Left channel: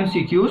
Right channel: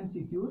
MCQs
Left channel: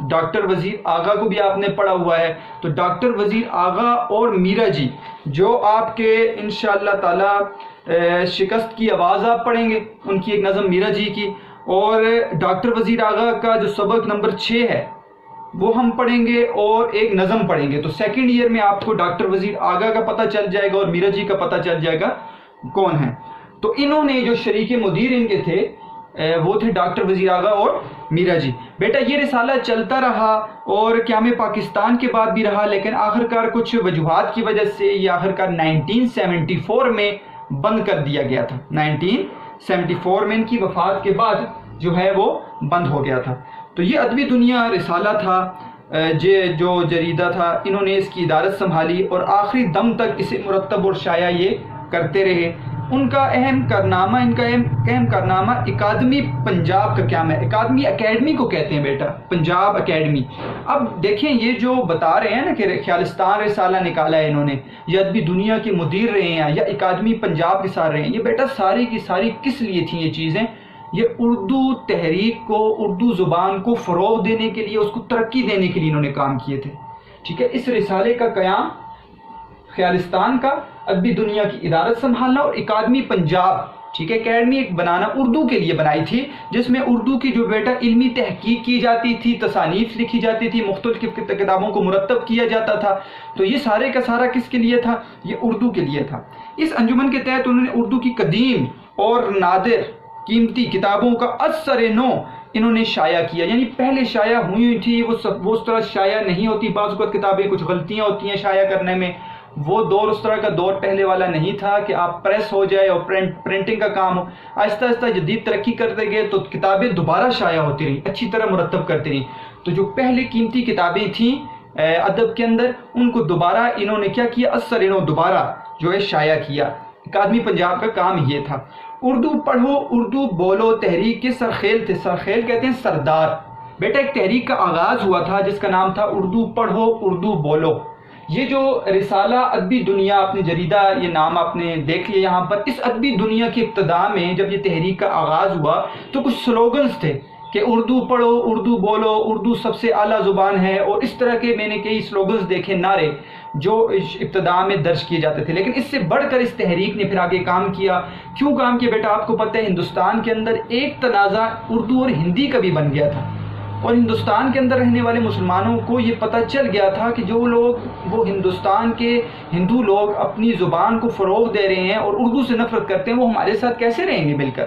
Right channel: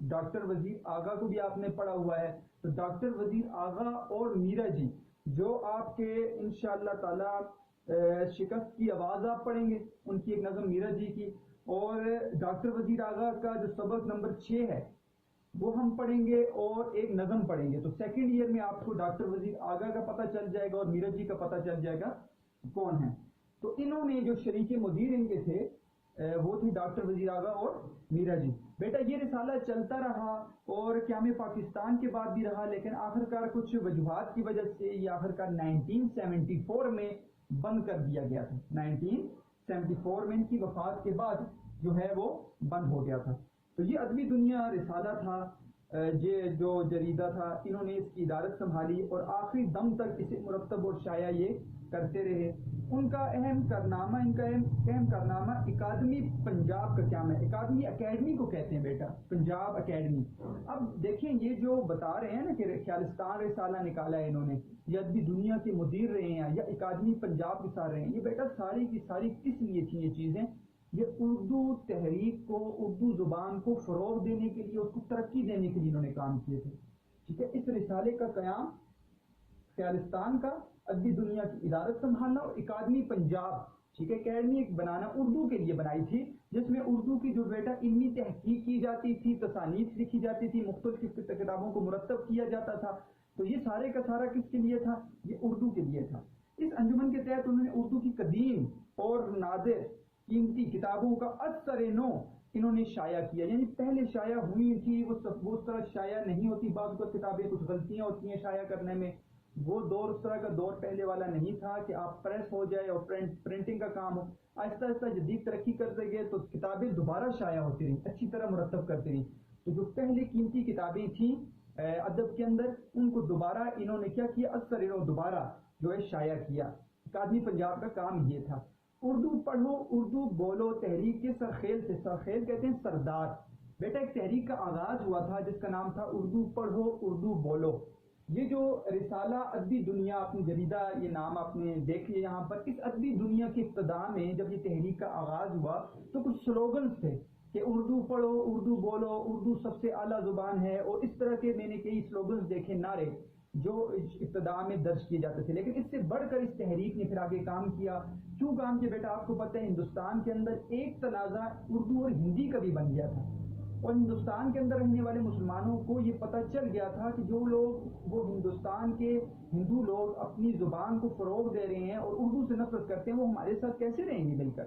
doctor وزیر آغا کو بھی آپ نے پڑھا ہوا ہے. تو ڈاکٹر وزیر آغا اور میرا جی جو آپ کے انشاءاللہ تعالی شکست کی آواز آپ پڑھیں گے، ان کی ایک نظم میرا جی کی، اور ڈاکٹر وزیر آغا کا جو سبق نمبر 6 ہے وہ ہم پڑھیں گے اور ایک نظم پڑھیں گے. تو سیکنڈ ایئر میں آپ کو ڈاکٹر وزیر آغا کا پتہ چل جائے گا اور میرا جی کا پتہ چل جائے گا کون ہیں. تو انہوں نے جو شریک مدیر ان کے تھے وہ تھے ڈاکٹر وزیر آغا اور میرا جی. بیٹا یہ رسالہ چلتا رہا اور قیام پاکستان کے بعد بھی رہا، لیکن آخرکار کچھ وجوہات کی وجہ سے یہ آخرکار 1974 میں بند کر دیا گیا تھا. 1974 میں ان کی وفات کے بعد جو ہے وہ بند ہو گیا تھا. تو یہ ادبی دنیا رسالہ تھا جو جریدہ تھا، انہوں نے اس کی ادارت سنبھالی اور آخری دم تک اسے مرتب اور شائع یہ کرتے رہے. ان کا اہم کارنامہ اکادمی پنجاب کا قیام ہے. اکیڈمی کو کہتے ہیں بیٹا، پنجاب اکیڈمی. اب دیکھیں یہ جو بتا رہے ہیں نا کہ خیالستان رسالہ نکالا ہے انہوں نے، یا ادبی دنیا کے مدیر رہے ہیں، یا اکادمی پنجاب کے ساتھ رہے ہیں، یہ بیٹا ساری کی ساری کس لیے تھیں یہ چیزیں؟ یہ اردو تحریک کو، اردو زبان کو فروغ دینے کے لیے، اس کو ترقی دینے کے لیے انہوں نے کام کیے تھے. ٹھیک ہے، اس رسالے کا قیام خیالستان کا، ادبی دنیا کی ادارت سنبھالنا، اور اکادمی پنجاب، ٹھیک ہے، اکیڈمی ایک بنانا اردو کے لیے بنائی تھی، جس میں اردو کی جو بیٹا علمی تحقیق کی جاتی تھی، تصانیف لکھی جاتی تھی، مختلف کتابوں کو مرتب کیا جاتا تھا. تو یہ سارے کا سارا کس کے لیے تھا؟ یہ اردو کے لیے تھا. اس انجمن کے تحت انہوں نے اردو کی قدیم اور نادر قیمتی کتابوں کا اثر نو انہوں نے شائع کیا. یعنی پہلے شائع ہوئی تھی وہ اس طرح شائع نہیں ہوتی. بعض اوقات کتابیں کچھ غلطیاں ہوتی ہیں شائع کرنے میں. وہ دور اس طرح کا دور پہلے والا نہیں تھا کہ آپ پریس ہو جائے اور پرنٹنگ کا کام ہو. آہستہ آہستہ جدید ترقی کرتے گئے تو کتابیں دوبارہ شائع ہوتی رہیں، اچھی طرح مرتب کرتی رہیں. تو جو پہلے قیمتی کتابیں تھیں ادب کے اندر، ان کو دوبارہ انہوں نے کیا کیا؟ اثر انہوں دوبارہ جو ہے شائع کیا. اکادمی پنجاب کا کام یہ تھا. اردو پڑھو اردو بولو تحریک کے سرخیل تھے. سرخیل کہتے ہیں سردار. بیٹا ایک تحریک کا آغاز ہوا تھا جس کا نام تھا اردو پڑھو اردو بولو. یہ جو رسالہ ادبی دنیا، اپنے جریدہ یہ نام آپ نے دیکھ لیا یہاں پر. اس ادبی دنیا کی ابتدا میں جب یہ تحریک کا آغاز ہوا تو کچھ سلوگنز تھے کہ اردو پڑھو اردو بولو، اردو سب سے اعلیٰ زبان ہے، اور اس طرح کے میں نے کئی سلوگنز دیکھے، نعرے جو ابتدا میں درج کیے جاتے تھے. لیکن اس سے بڑھ کر اس تحریک نے پھر آگے کام کیا. کیوں کام کیا بیٹا؟ آپ کو پتہ ہے ہندوستان کے اندر ایک تنازع اردو اور ہندی کا بھی بن گیا تھا، اور ہندوستان کے اندر رہنے والے مسلمانوں کو یہ پتہ چل گیا تھا کہ جو لوگ وہ ہندوستان کے ہندو لوگ اپنی زبان کو فروغ دے رہے ہیں اور اردو سے نفرت کرتے ہیں، وہ ہمارے ساتھ کیسے رہیں گے مل کر.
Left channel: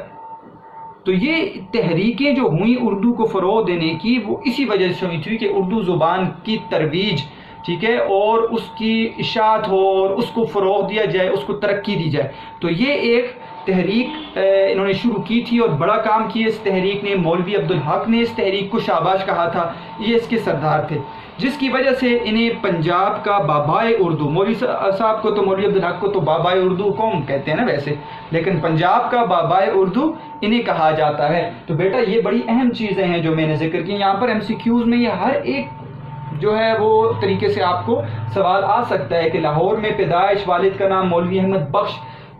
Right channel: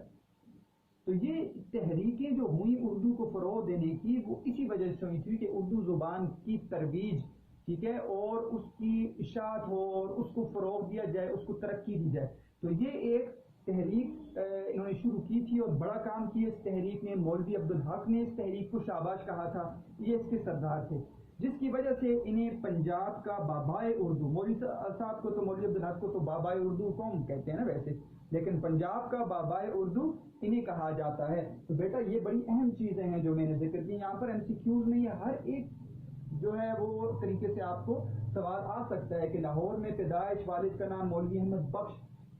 تو یہ تحریکیں جو ہوئیں اردو کو فروغ دینے کی، وہ اسی وجہ سے ہوئی تھی کہ اردو زبان کی ترویج، ٹھیک ہے، اور اس کی اشاعت ہو اور اس کو فروغ دیا جائے، اس کو ترقی دی جائے. تو یہ ایک تحریک انہوں نے شروع کی تھی اور بڑا کام کیا اس تحریک نے. مولوی عبدالحق نے اس تحریک کو شاباش کہا تھا، یہ اس کے سردار تھے، جس کی وجہ سے انہیں پنجاب کا بابائے اردو، مولوی صاحب کو تو، مولوی عبدالحق کو تو بابائے اردو قوم کہتے ہیں نا ویسے، لیکن پنجاب کا بابائے اردو انہیں کہا جاتا ہے. تو بیٹا یہ بڑی اہم چیزیں ہیں جو میں نے ذکر کی. یہاں پر MCQs میں یہ ہر ایک جو ہے وہ طریقے سے آپ کو سوال آ سکتا ہے کہ لاہور میں پیدائش، والد کا نام مولوی احمد بخش،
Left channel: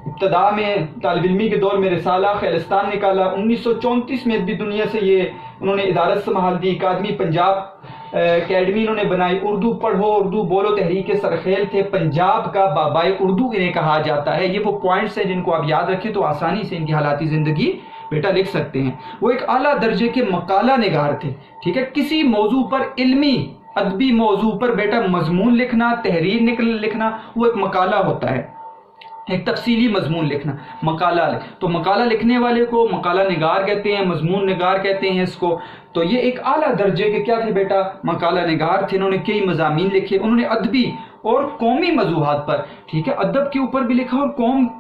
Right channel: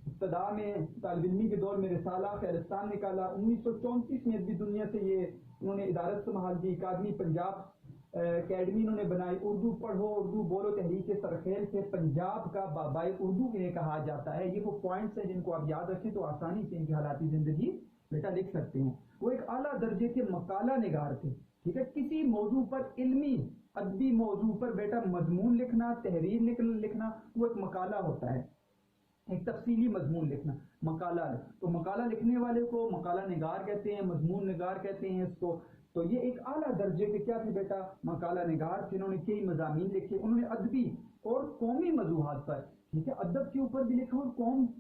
ابتدا میں طالب علمی کے دور میں رسالہ خیالستان نکالا، 1934 میں ادبی دنیا سے یہ انہوں نے ادارت سنبھال دی. اکادمی پنجاب اکیڈمی انہوں نے بنائی. اردو پڑھو اردو بولو تحریک سرخیل تھے. پنجاب کا بابائے اردو انہیں کہا جاتا ہے. یہ وہ پوائنٹس ہیں جن کو آپ یاد رکھیں تو آسانی سے ان کی حالاتی زندگی بیٹا لکھ سکتے ہیں. وہ ایک اعلیٰ درجے کے مقالہ نگار تھے. ٹھیک ہے، کسی موضوع پر علمی ادبی موضوع پر بیٹا مضمون لکھنا، تحریر لکھنا، وہ ایک مقالہ ہوتا ہے، ایک تفصیلی مضمون لکھنا، مقالہ. تو مقالہ لکھنے والے کو مقالہ نگار کہتے ہیں، مضمون نگار کہتے ہیں اس کو. تو یہ ایک اعلیٰ درجے کے کیا تھے بیٹا؟ مقالہ نگار تھے. انہوں نے کئی مضامین لکھے. انہوں نے ادبی اور قومی موضوعات پر، ٹھیک ہے، ادب کے اوپر بھی لکھا اور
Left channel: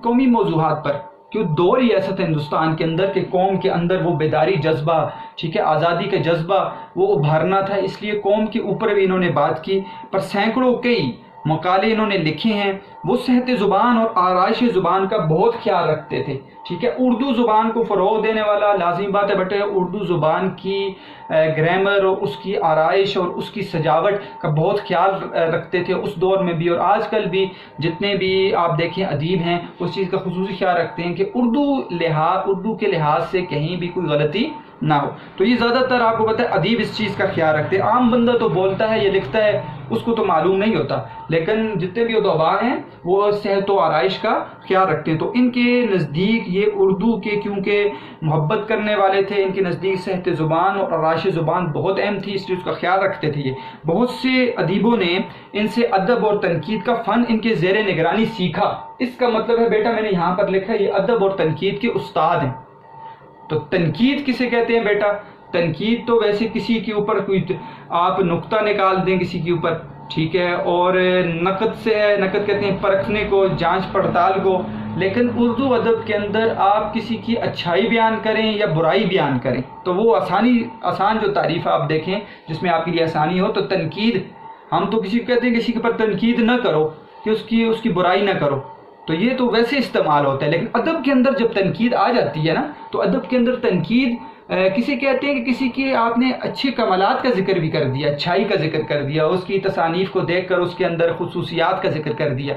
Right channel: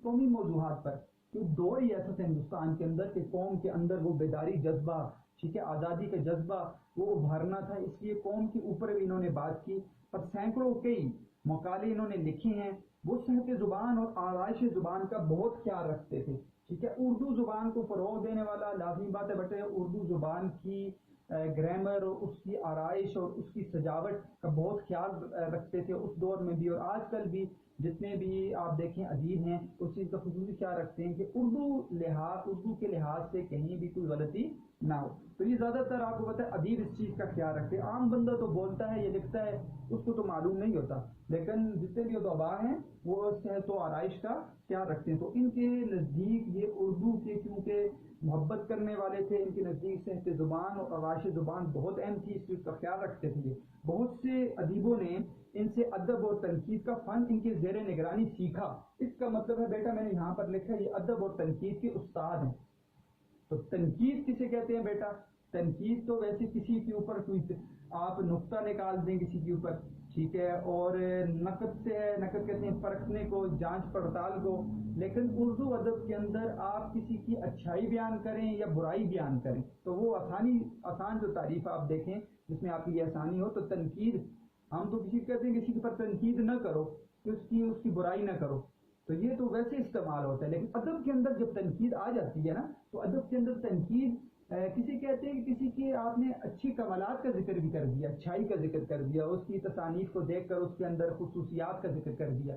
قومی موضوعات پر. کیوں دور ہی ایسا تھا ہندوستان کے اندر کہ قوم کے اندر وہ بیداری جذبہ، ٹھیک ہے، آزادی کا جذبہ وہ ابھارنا تھا، اس لیے قوم کے اوپر بھی انہوں نے بات کی. پر سینکڑوں کئی مقالے انہوں نے لکھے ہیں. وہ صحت زبان اور آرائش زبان کا بہت خیال رکھتے تھے. ٹھیک ہے، اردو زبان کو فروغ دینے والا لازمی بات ہے بیٹا اردو زبان کی گرامر اور اس کی آرائش اور اس کی سجاوٹ کا بہت خیال رکھتے تھے اس دور میں بھی، اور آج کل بھی جتنے بھی آپ دیکھیں ادیب ہیں اس چیز کا خصوصی خیال رکھتے ہیں کہ اردو کے لحاظ سے کہیں بھی کوئی غلطی نہ ہو. تو یہ زیادہ تر آپ کو پتہ ہے ادیب اس چیز کا خیال رکھتے ہیں. عام بندہ تو بولتا ہے یا لکھتا ہے اس کو تو معلوم نہیں ہوتا، لیکن جتنے بھی ادباء ہیں وہ صحت و آرائش کا خیال رکھتے ہیں. تو ان کے نزدیک یہ اردو کے کیونکہ محبت کرنے والے تھے، ان کے نزدیک صحت زبان اور آرائش زبان بہت اہم تھی، اس لیے اس کا خیال رکھتے تھے. یہ بہت سے ادیبوں نے ان سے ادب اور تنقید کا فن ان کے زیر نگرانی سیکھا. اس کا مطلب ہے بیٹا میں نے یہاں پر لکھا یہ ادب اور تنقید کے استاد ہیں. تو تنقید کسے کہتے ہیں بیٹا؟ تنقید تو ویسے کسی کے اوپر کوئی آپ نقطہ نکال دیں کسی کے اوپر، ٹھیک ہے، اور نقد سے ہے، نقد کہتے ہیں پرکھنے کو، جانچ پڑتال کو. لیکن اردو ادب کے اندر آپ کسی کی اچھائی بیان کریں یا برائی بیان کریں تو وہ آسان جو تعریف آپ دیکھیں جس میں آپ کے لیے آسانی ہو. تو تنقید ہم تو کسی کو کہتے ہیں کسی کے اوپر تنقید نہ کرو کہ اس کی برائی نہ کرو، تو یہ تو ویسے استعمال ہوتا ہے. لیکن ادب کے اندر جب تنقید آ جاتی ہے نا تو ادب کے اندر تنقید کسی کہتے ہیں کہ کسی کے آپ نے اچھے کمالات کا ذکر بھی کر دیا، اچھائی کا ذکر کر دیا، اس کی تصانیف کو دیکھ کر اس کے اندر خصوصیات کا ذکر کر دیا.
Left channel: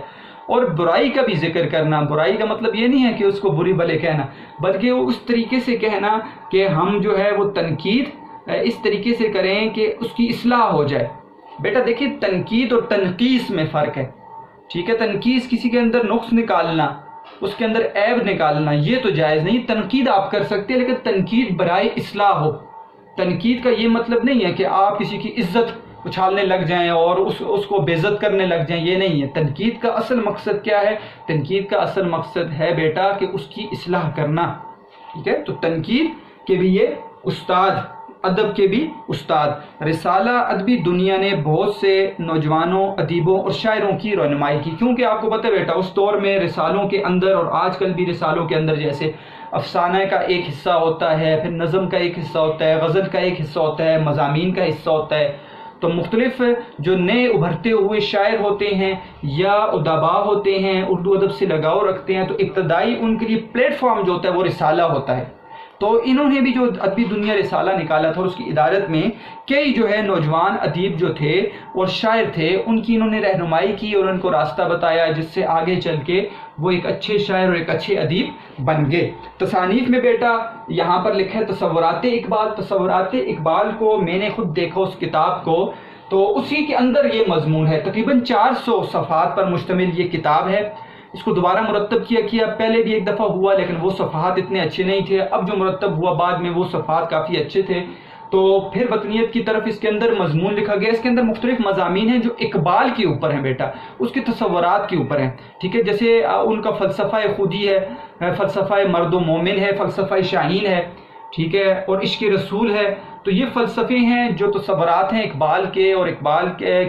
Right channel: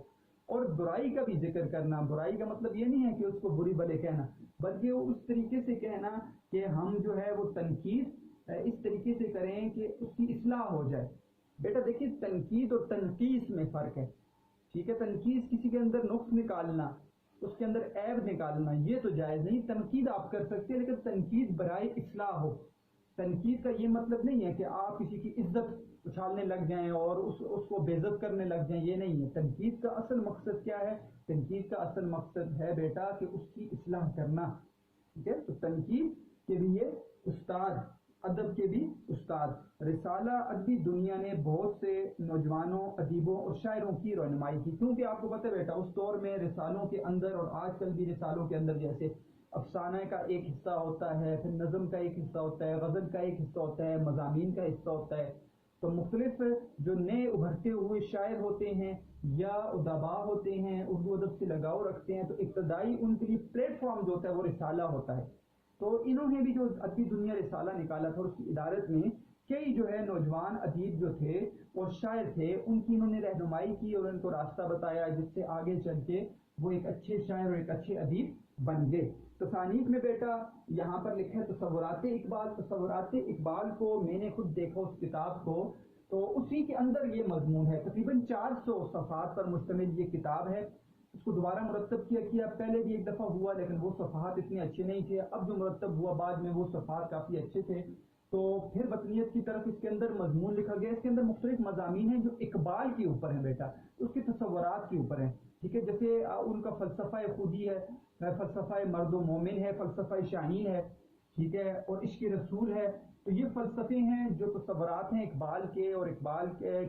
اور برائی کا بھی ذکر کرنا، برائی کا مطلب یہ نہیں ہے کہ اس کو بری بھلے کہنا، بلکہ وہ اس طریقے سے کہنا کہ ہم جو ہے وہ تنقید اس طریقے سے کریں کہ اس کی اصلاح ہو جائے. بیٹا دیکھیے تنقید اور تنقیص میں فرق ہے، ٹھیک ہے. تنقیص کسی کے اندر نقص نکالنا، اس کے اندر عیب نکالنا، یہ تو جائز نہیں. تنقید آپ کر سکتے ہیں لیکن تنقید برائے اصلاح ہو. تنقید کا یہ مطلب نہیں ہے کہ آپ کسی کی عزت اچھالنے لگ جائیں اور اس کو بے عزت کرنے لگ جائیں، یہ نہیں ہے. تنقید کا اصل مقصد کیا ہے؟ تنقید کا اصل مقصد ہے بیٹا کہ اس کی اصلاح کرنا، ٹھیک ہے. تو تنقید کے بھی یہ استاد، ادب کے بھی استاد. رسالہ ادبی دنیا نے بہت سے نوجوانوں، ادیبوں اور شاعروں کی رہنمائی کی، کیونکہ آپ کو پتہ ہے بیٹا اس دور میں رسالوں کے اندر اور آج کل بھی رسالوں کے اندر جیسے افسانہ کا ایک حصہ ہوتا ہے، پھر نظم کا ایک حصہ ہوتا ہے، غزل کا ایک حصہ ہوتا ہے، مضامین کا حصہ ہوتا ہے. تو مختلف جو نئے ابھرتے ہوئے شاعر ہوتے ہیں یا ادباء ہوتے ہیں، اردو ادب سے لگاؤ رکھتے ہیں، تو ابتدائی ان کے لیے پلیٹ فارم جو ہوتا ہے وہ رسالہ ہوتا ہے. تو انہوں نے بھی جو ادبی دنیا رسالہ نکالا تھا اور اس کی ادارت میں کئی جو ہے نوجوان ادیب جو تھے اور شاعر تھے ان کی انہوں نے رہنمائی کی اور ان کو راستہ بتایا جس سے آگے چل کے وہ ایک اچھے شاعر اور ایک اچھے ادیب بن گئے. تصانیف میں بیٹا یہاں پر لکھا ہے تصورات اقبال. تصورات اقبال کو میں نے خود دیکھا اس کتاب کو، تو اسی کے اندر یہ مضمون ہے. تقریباً 400 صفحات پر مشتمل یہ کتاب ہے. اس کو دوبارہ مرتب کیا پہلے بھی ایک دفعہ ہوا لیکن وہ صفحات اتنے اچھے نہیں تھے. اب جو مرتب ہوا بعد میں وہ صفحات کافی اچھے تھے. تو پھر وطنیت کی طرف اس کے اندر مضمون لکھا گیا. اس کے اندر مختلف مضامین ہیں جو اقبال کے اوپر ہیں بیٹا، اس کے تصورات کے اوپر ہیں، ٹھیک ہے. جیسے ان کا فلسفہ خودی ہے، فلسفہ مرد و مومن ہے، فلسفہ شاہین ہے، ٹھیک ہے، اور عشق رسول ہے. تو یہ فلسفے ہیں جو تصورات ہیں اقبال کے، اور اقبال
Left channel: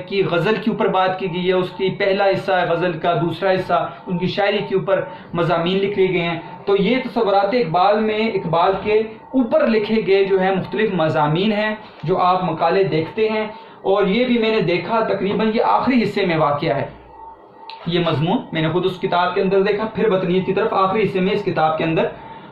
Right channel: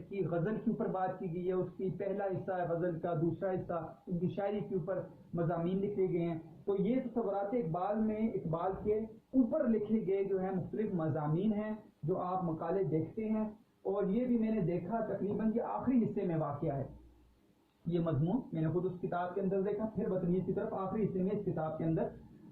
کی غزل کے اوپر بات کی گئی ہے. اس کی پہلا حصہ ہے غزل کا، دوسرا حصہ ان کی شاعری کے اوپر مضامین لکھے گئے ہیں. تو یہ تصورات اقبال میں اقبال کے اوپر لکھے گئے جو ہیں مختلف مضامین ہیں جو آپ مقالے دیکھتے ہیں. اور یہ بھی میں نے دیکھا تقریباً یہ آخری حصے میں واقع ہے یہ مضمون، میں نے خود اس کتاب کے اندر دیکھا. پھر وطنیت کی طرف آخری حصے میں اس کتاب کے اندر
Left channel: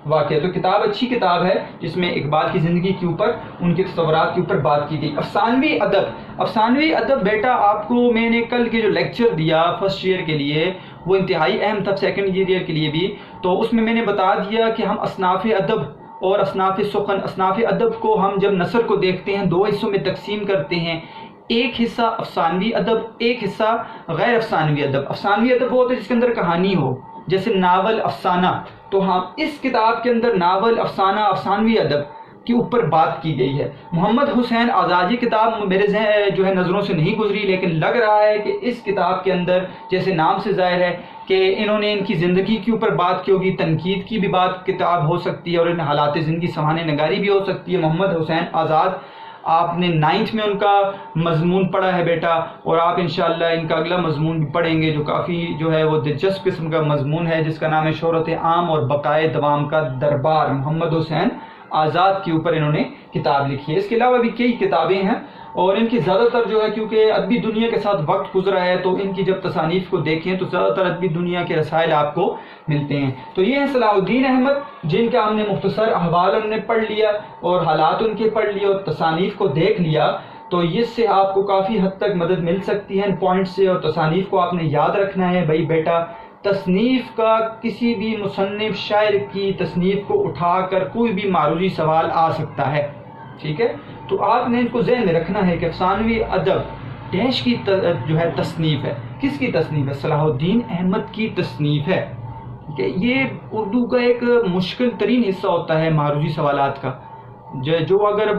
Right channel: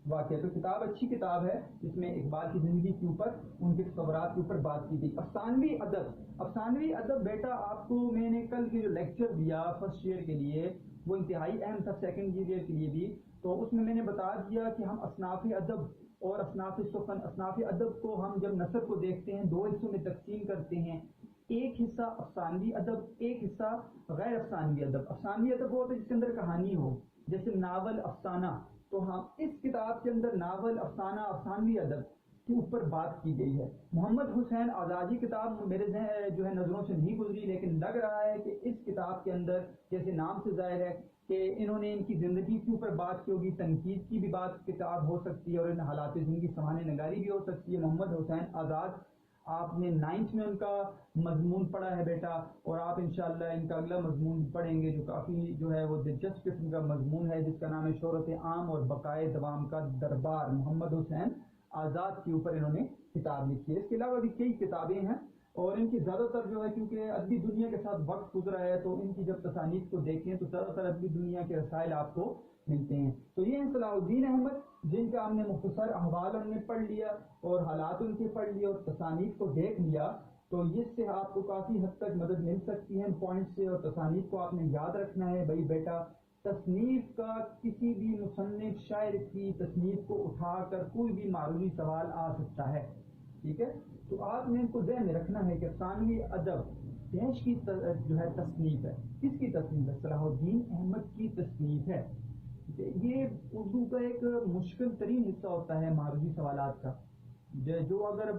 واقع ہے. تو کتاب اچھی کتاب ہے جس میں اقبال کی زندگی کے اوپر، ان کے تصورات کے اوپر بات کی گئی. افسانوی ادب بیٹا آپ کو میں نے کل کے جو لیکچر دیا فرسٹ ایئر کے لیے وہ انتہائی اہم تھا، سیکنڈ ایئر کے لیے بھی. تو اس میں نے بتا دیا کہ ہم اصناف ادب اور اصناف سخن، اصناف ادب کو ہم جب نثر کو دیکھتے ہیں دو حصوں میں تقسیم کرتے ہیں. ایک حصہ افسانوی ادب، ایک حصہ غیر افسانوی ادب. افسانوی ادب وہ ہوتا ہے جس کے اندر کہانی ہو، جیسے ناول، افسانہ. تو ہم اس کتاب کے اندر ناول، افسانہ، افسانوی ادب کے اوپر بات کی گئی ہے. محمد حسین آزاد یہ کتاب میرے ذہن جو ہے نظروں سے نہیں گزری، لیکن لگ رہا ہے کہ اس کتاب کے اندر جیسے نام سے ظاہر ہے کہ انہوں نے ان کی زندگی کے اوپر بات کی ہوگی، تنقید کی بھی بات کتاب ہو سکتی ہے اور ان حالات زندگی سنوارنے نگاری بھی ہو سکتی ہے. محمد حسین آزاد آپ نے 9th میں ان کا مضمون پڑھا ہے بیٹا، اور آپ انشاءاللہ ان کا اگلا مضمون بھی پڑھیں گے جو کافی جو ہے وہ دلچسپ قسم کا مضمون ہے جس کا نام ہے شہرت عام اور بقائے دوام کا دربار. محمد حسین آزاد کے اوپر انہوں نے کتاب لکھی ہے. اس کے علاوہ بھی کئی کتابیں ہیں اور ان کی زیادہ تر جو ہے کیونکہ ادبی دنیا کے ساتھ وقت گزرا ہے تو ان کی جب تصانیف کو دیکھیں تو زیادہ تر ادبی دنیا کے رسائل آپ کو ملتے ہیں. تو یہ ہیں صلاح الدین احمد جن کا ہم نے مختصر احوال ہم نے پڑھ لیا اور حالات ان کے پڑھ لیے اور تصانیف کو دیکھ لیا. تو اس سے آپ کو کافی حد تک مدد مل سکتی ہے ان پوائنٹ سے، اور تصانیف کو آپ نے یاد رکھنا ہے. بھائی بیٹا تصنیف کا کسی بھی مصنف شاعر کی تصنیف کو اٹھا کر کوئی بھی معروضی سوال آ سکتا ہے، ٹھیک ہے؟ تو آپ نے اس کو ذہن میں رکھنا ہے کہ افسانوی ادب ڈیش کی جو ہے تصنیف ہے. کس کی تصنیف ہے؟ صلاح الدین احمد کی تصنیف ہے. کہ یہ اردو کا ایک مشکل ترین حصہ ہوتا ہے معروضی سوالات کا، جو اگر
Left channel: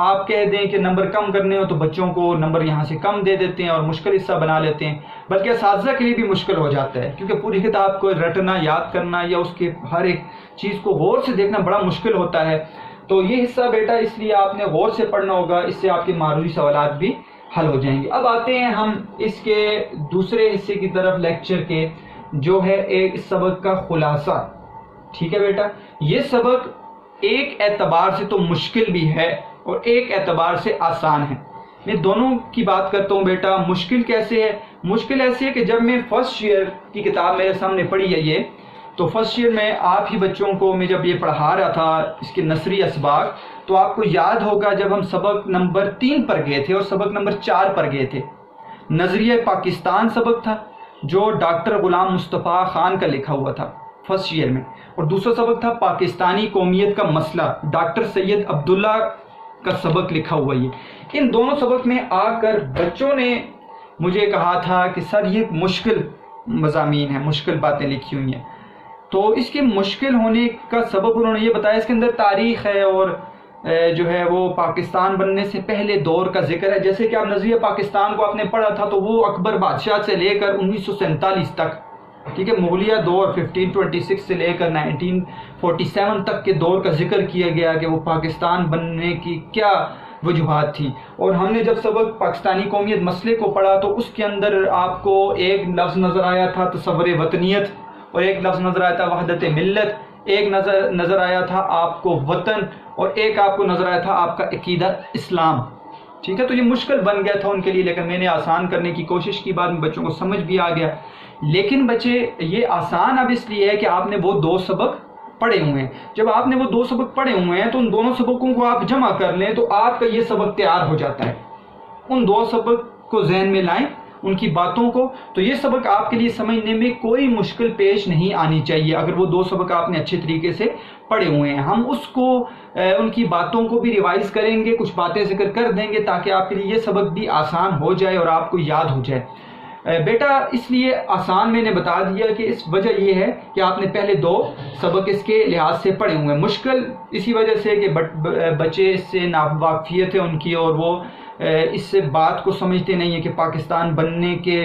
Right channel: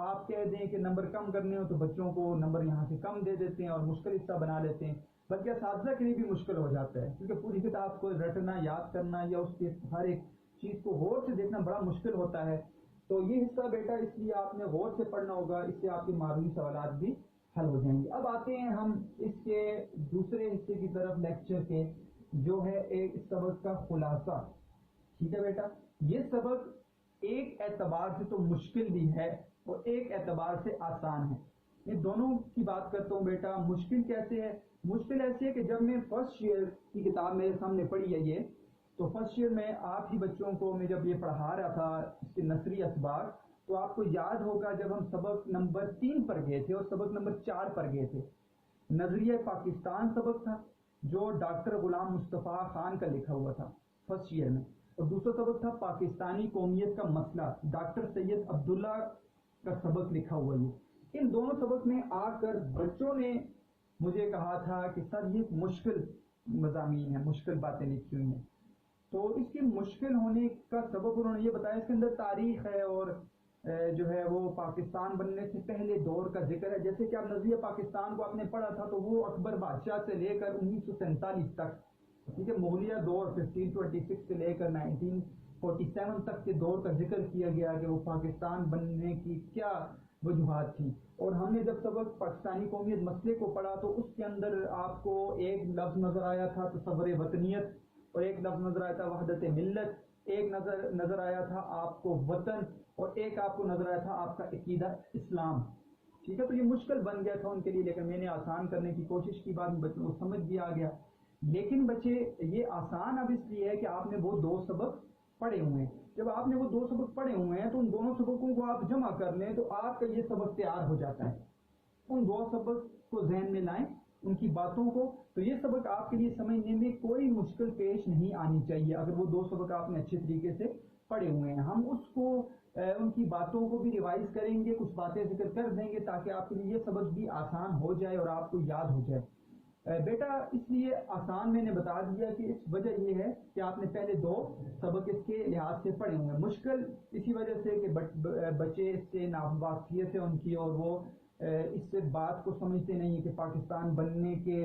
آپ کہہ دیں کہ نمبر کم کرنے ہو تو بچوں کو نمبر یہاں سے کم دے دیتے ہیں اور مشکل حصہ بنا لیتے ہیں، بلکہ اساتذہ کے لیے بھی مشکل ہو جاتا ہے، کیونکہ پوری کتاب کو رٹنا، یاد کرنا یا اس کے ہر ایک چیز کو غور سے دیکھنا بڑا مشکل ہوتا ہے. تو یہ حصہ بیٹا اس لیے آپ نے غور سے پڑھنا ہوگا، اس سے آپ کے معروضی سوالات بھی حل ہو جائیں گے. اب آتے ہیں ہم اس کے دوسرے حصے کی طرف لیکچر کے، جو ہے ایک سبق کا خلاصہ. ٹھیک ہے بیٹا، یہ سبق ایک اعتبار سے تو مشکل بھی ہے اور ایک اعتبار سے آسان ہے. میں دونوں کی بات کرتا ہوں بیٹا. مشکل کیسے ہے؟ مشکل ایسے ہے کہ جب میں فرسٹ ایئر کی کتاب میرے سامنے پڑھی ہے یہ، تو فرسٹ ایئر میں آپ ہی بچوں کو میں جب یہ پڑھا رہا تھا اس کے نثری اسباق، تو آپ کو یاد ہوگا جب ہم سبق نمبر 3 پر گئے تھے اور سبق نمبر 4 پر گئے تھے، نظریہ پاکستان سبق تھا جو ڈاکٹر غلام مصطفیٰ خان کا لکھا ہوا تھا فرسٹ ایئر میں، اور دوسرا سبق تھا پاکستانی قومیت کا مسئلہ، ڈاکٹر سید عبداللہ کا سبق لکھا ہوا. یہ ان دونوں سبق میں آ کر بچوں نے مجھے کہا تھا کہ سر یہ مشکل مضامین ہیں، مشکل باتیں لکھی ہوئی ہیں. تو اس کے مشکل ہونے کا سبب انہوں نے یہ بتایا، اس کے اندر تاریخ ہے اور جو ہے وہ پاکستان بننے سے پہلے دور کا ذکر ہے. جیسے کہ آپ نظریہ پاکستان کو آپ نے پڑھا تھا تو وہ اکبر بادشاہ سے لے کر 1947 تک، ٹھیک ہے، مغلیہ دور 1526 سے لے کر 1947 تک کے دور کا ذکر کیا گیا کہ وہ پاکستان بننے کی کیا وجوہات تھیں. اور ہم نے جب سبق پاکستانی قومیت مسئلے کو پڑھا تو اس کے اندر آپ کو ایک لفظ نظر آیا تھا تصور وطنیت، اور ایک لفظ نظر آیا تھا وحدت ملت، ایک نظر آیا تھا آپ کو وطن، اور ایک آپ کو نظر آیا تھا آپ کا عقیدہ اسلام. ٹھیک ہے، تو یہ مشکل بن گیا تھا ان کے لیے، لیکن میں نے آسان کرنے کی کوشش کی، بعد میں بچوں کو سمجھ بھی آ گیا. لیکن بچے یہ آسان اب اس لیے ہے کہ آپ نے وہ 2 سبق پڑھے ہوئے ہیں. جب آپ نے وہ 2 سبق پڑھے ہوئے ہیں تو ان دونوں سبقوں کو آپ جمع کر لیں تو آپ کا یہ سبق تیار ہو جاتا ہے. ان 2 سبق کو ذہن میں لائیں، ان کی باتوں کو، تو یہ سبق آپ کے لیے سمجھنے میں کوئی مشکل پیش نہیں آنی چاہیے اگر وہ 2 سبق آپ نے اچھے طریقے سے پڑھے ہوئے ہیں. ہم اس کو ان کی باتوں کو بھی ریوائز کریں گے، کچھ باتیں ذکر کر دیں گے تاکہ آپ کے لیے یہ سبق بھی آسان ہو جائے اور آپ کو یاد ہو جائے. بیٹا اس لیے آسان میں نے بتا دیا کہ اس وجہ یہ ہے کہ آپ نے پہلے 2 سبق اس کے لحاظ سے پڑھے ہوئے ہیں. مشکل اسی وجہ سے کہ بچے اس سے ناواقفیت ہے ان کی، اور وہ اس سے بات کو سمجھتے نہیں ہیں کہ پاکستان بننے کے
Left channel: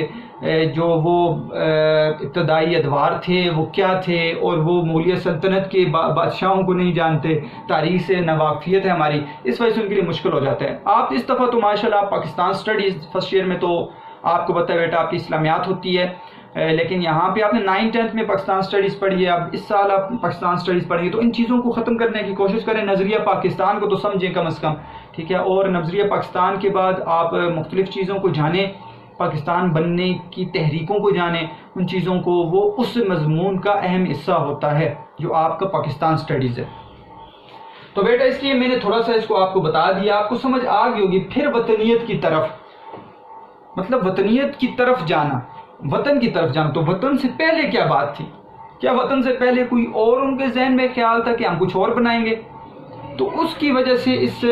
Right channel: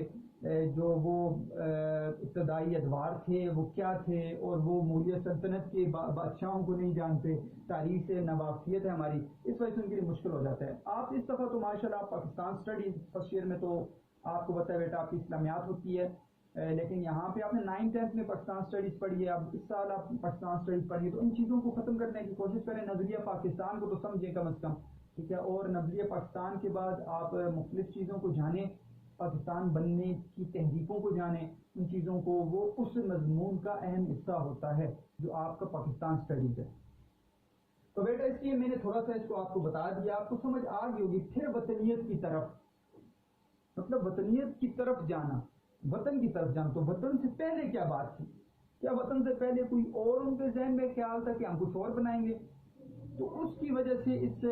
جو وہ ابتدائی ادوار تھے وہ کیا تھے، اور وہ مغلیہ سلطنت کے بادشاہوں کو نہیں جانتے، تاریخ سے ناواقفیت ہے ہماری، اس وجہ سے ان کے لیے مشکل ہو جاتا ہے. آپ اس دفعہ تو ماشاءاللہ پاکستان اسٹڈیز فرسٹ ایئر میں تو آپ کو پتہ ہے بیٹا آپ کی اسلامیات ہوتی ہے، لیکن یہاں پہ آپ نے 9th 10th میں پاکستان اسٹڈیز پڑھی ہے. اب اس سال آپ پاکستان اسٹڈیز پڑھیں گے تو ان چیزوں کو ختم کرنے کی کوشش کریں، نظریہ پاکستان کو تو سمجھیں کم از کم، ٹھیک ہے. اور نظریہ پاکستان کے بعد آپ مختلف چیزوں کو جانیں، پاکستان بننے کی تحریکوں کو جانیں، ان چیزوں کو، وہ اس مضمون کا اہم حصہ ہوتا ہے جو آپ کا پاکستان اسٹڈیز ہے. تو بیٹا اس لیے میں نے تھوڑا سا اس کو آپ کو بتا دیا، آپ کو سمجھ آ گئی ہوگی. پھر وطنیت کی طرف، مطلب وطنیت کی طرف جانا، وطن کی طرف جانا. تو وطن سے پہلے کیا بات تھی؟ کیا وطن سے پہلے کوئی اور ان کے ذہن میں خیال تھا کہ ہم کچھ اور بنائیں گے؟ تو اس کی وجہ سے اس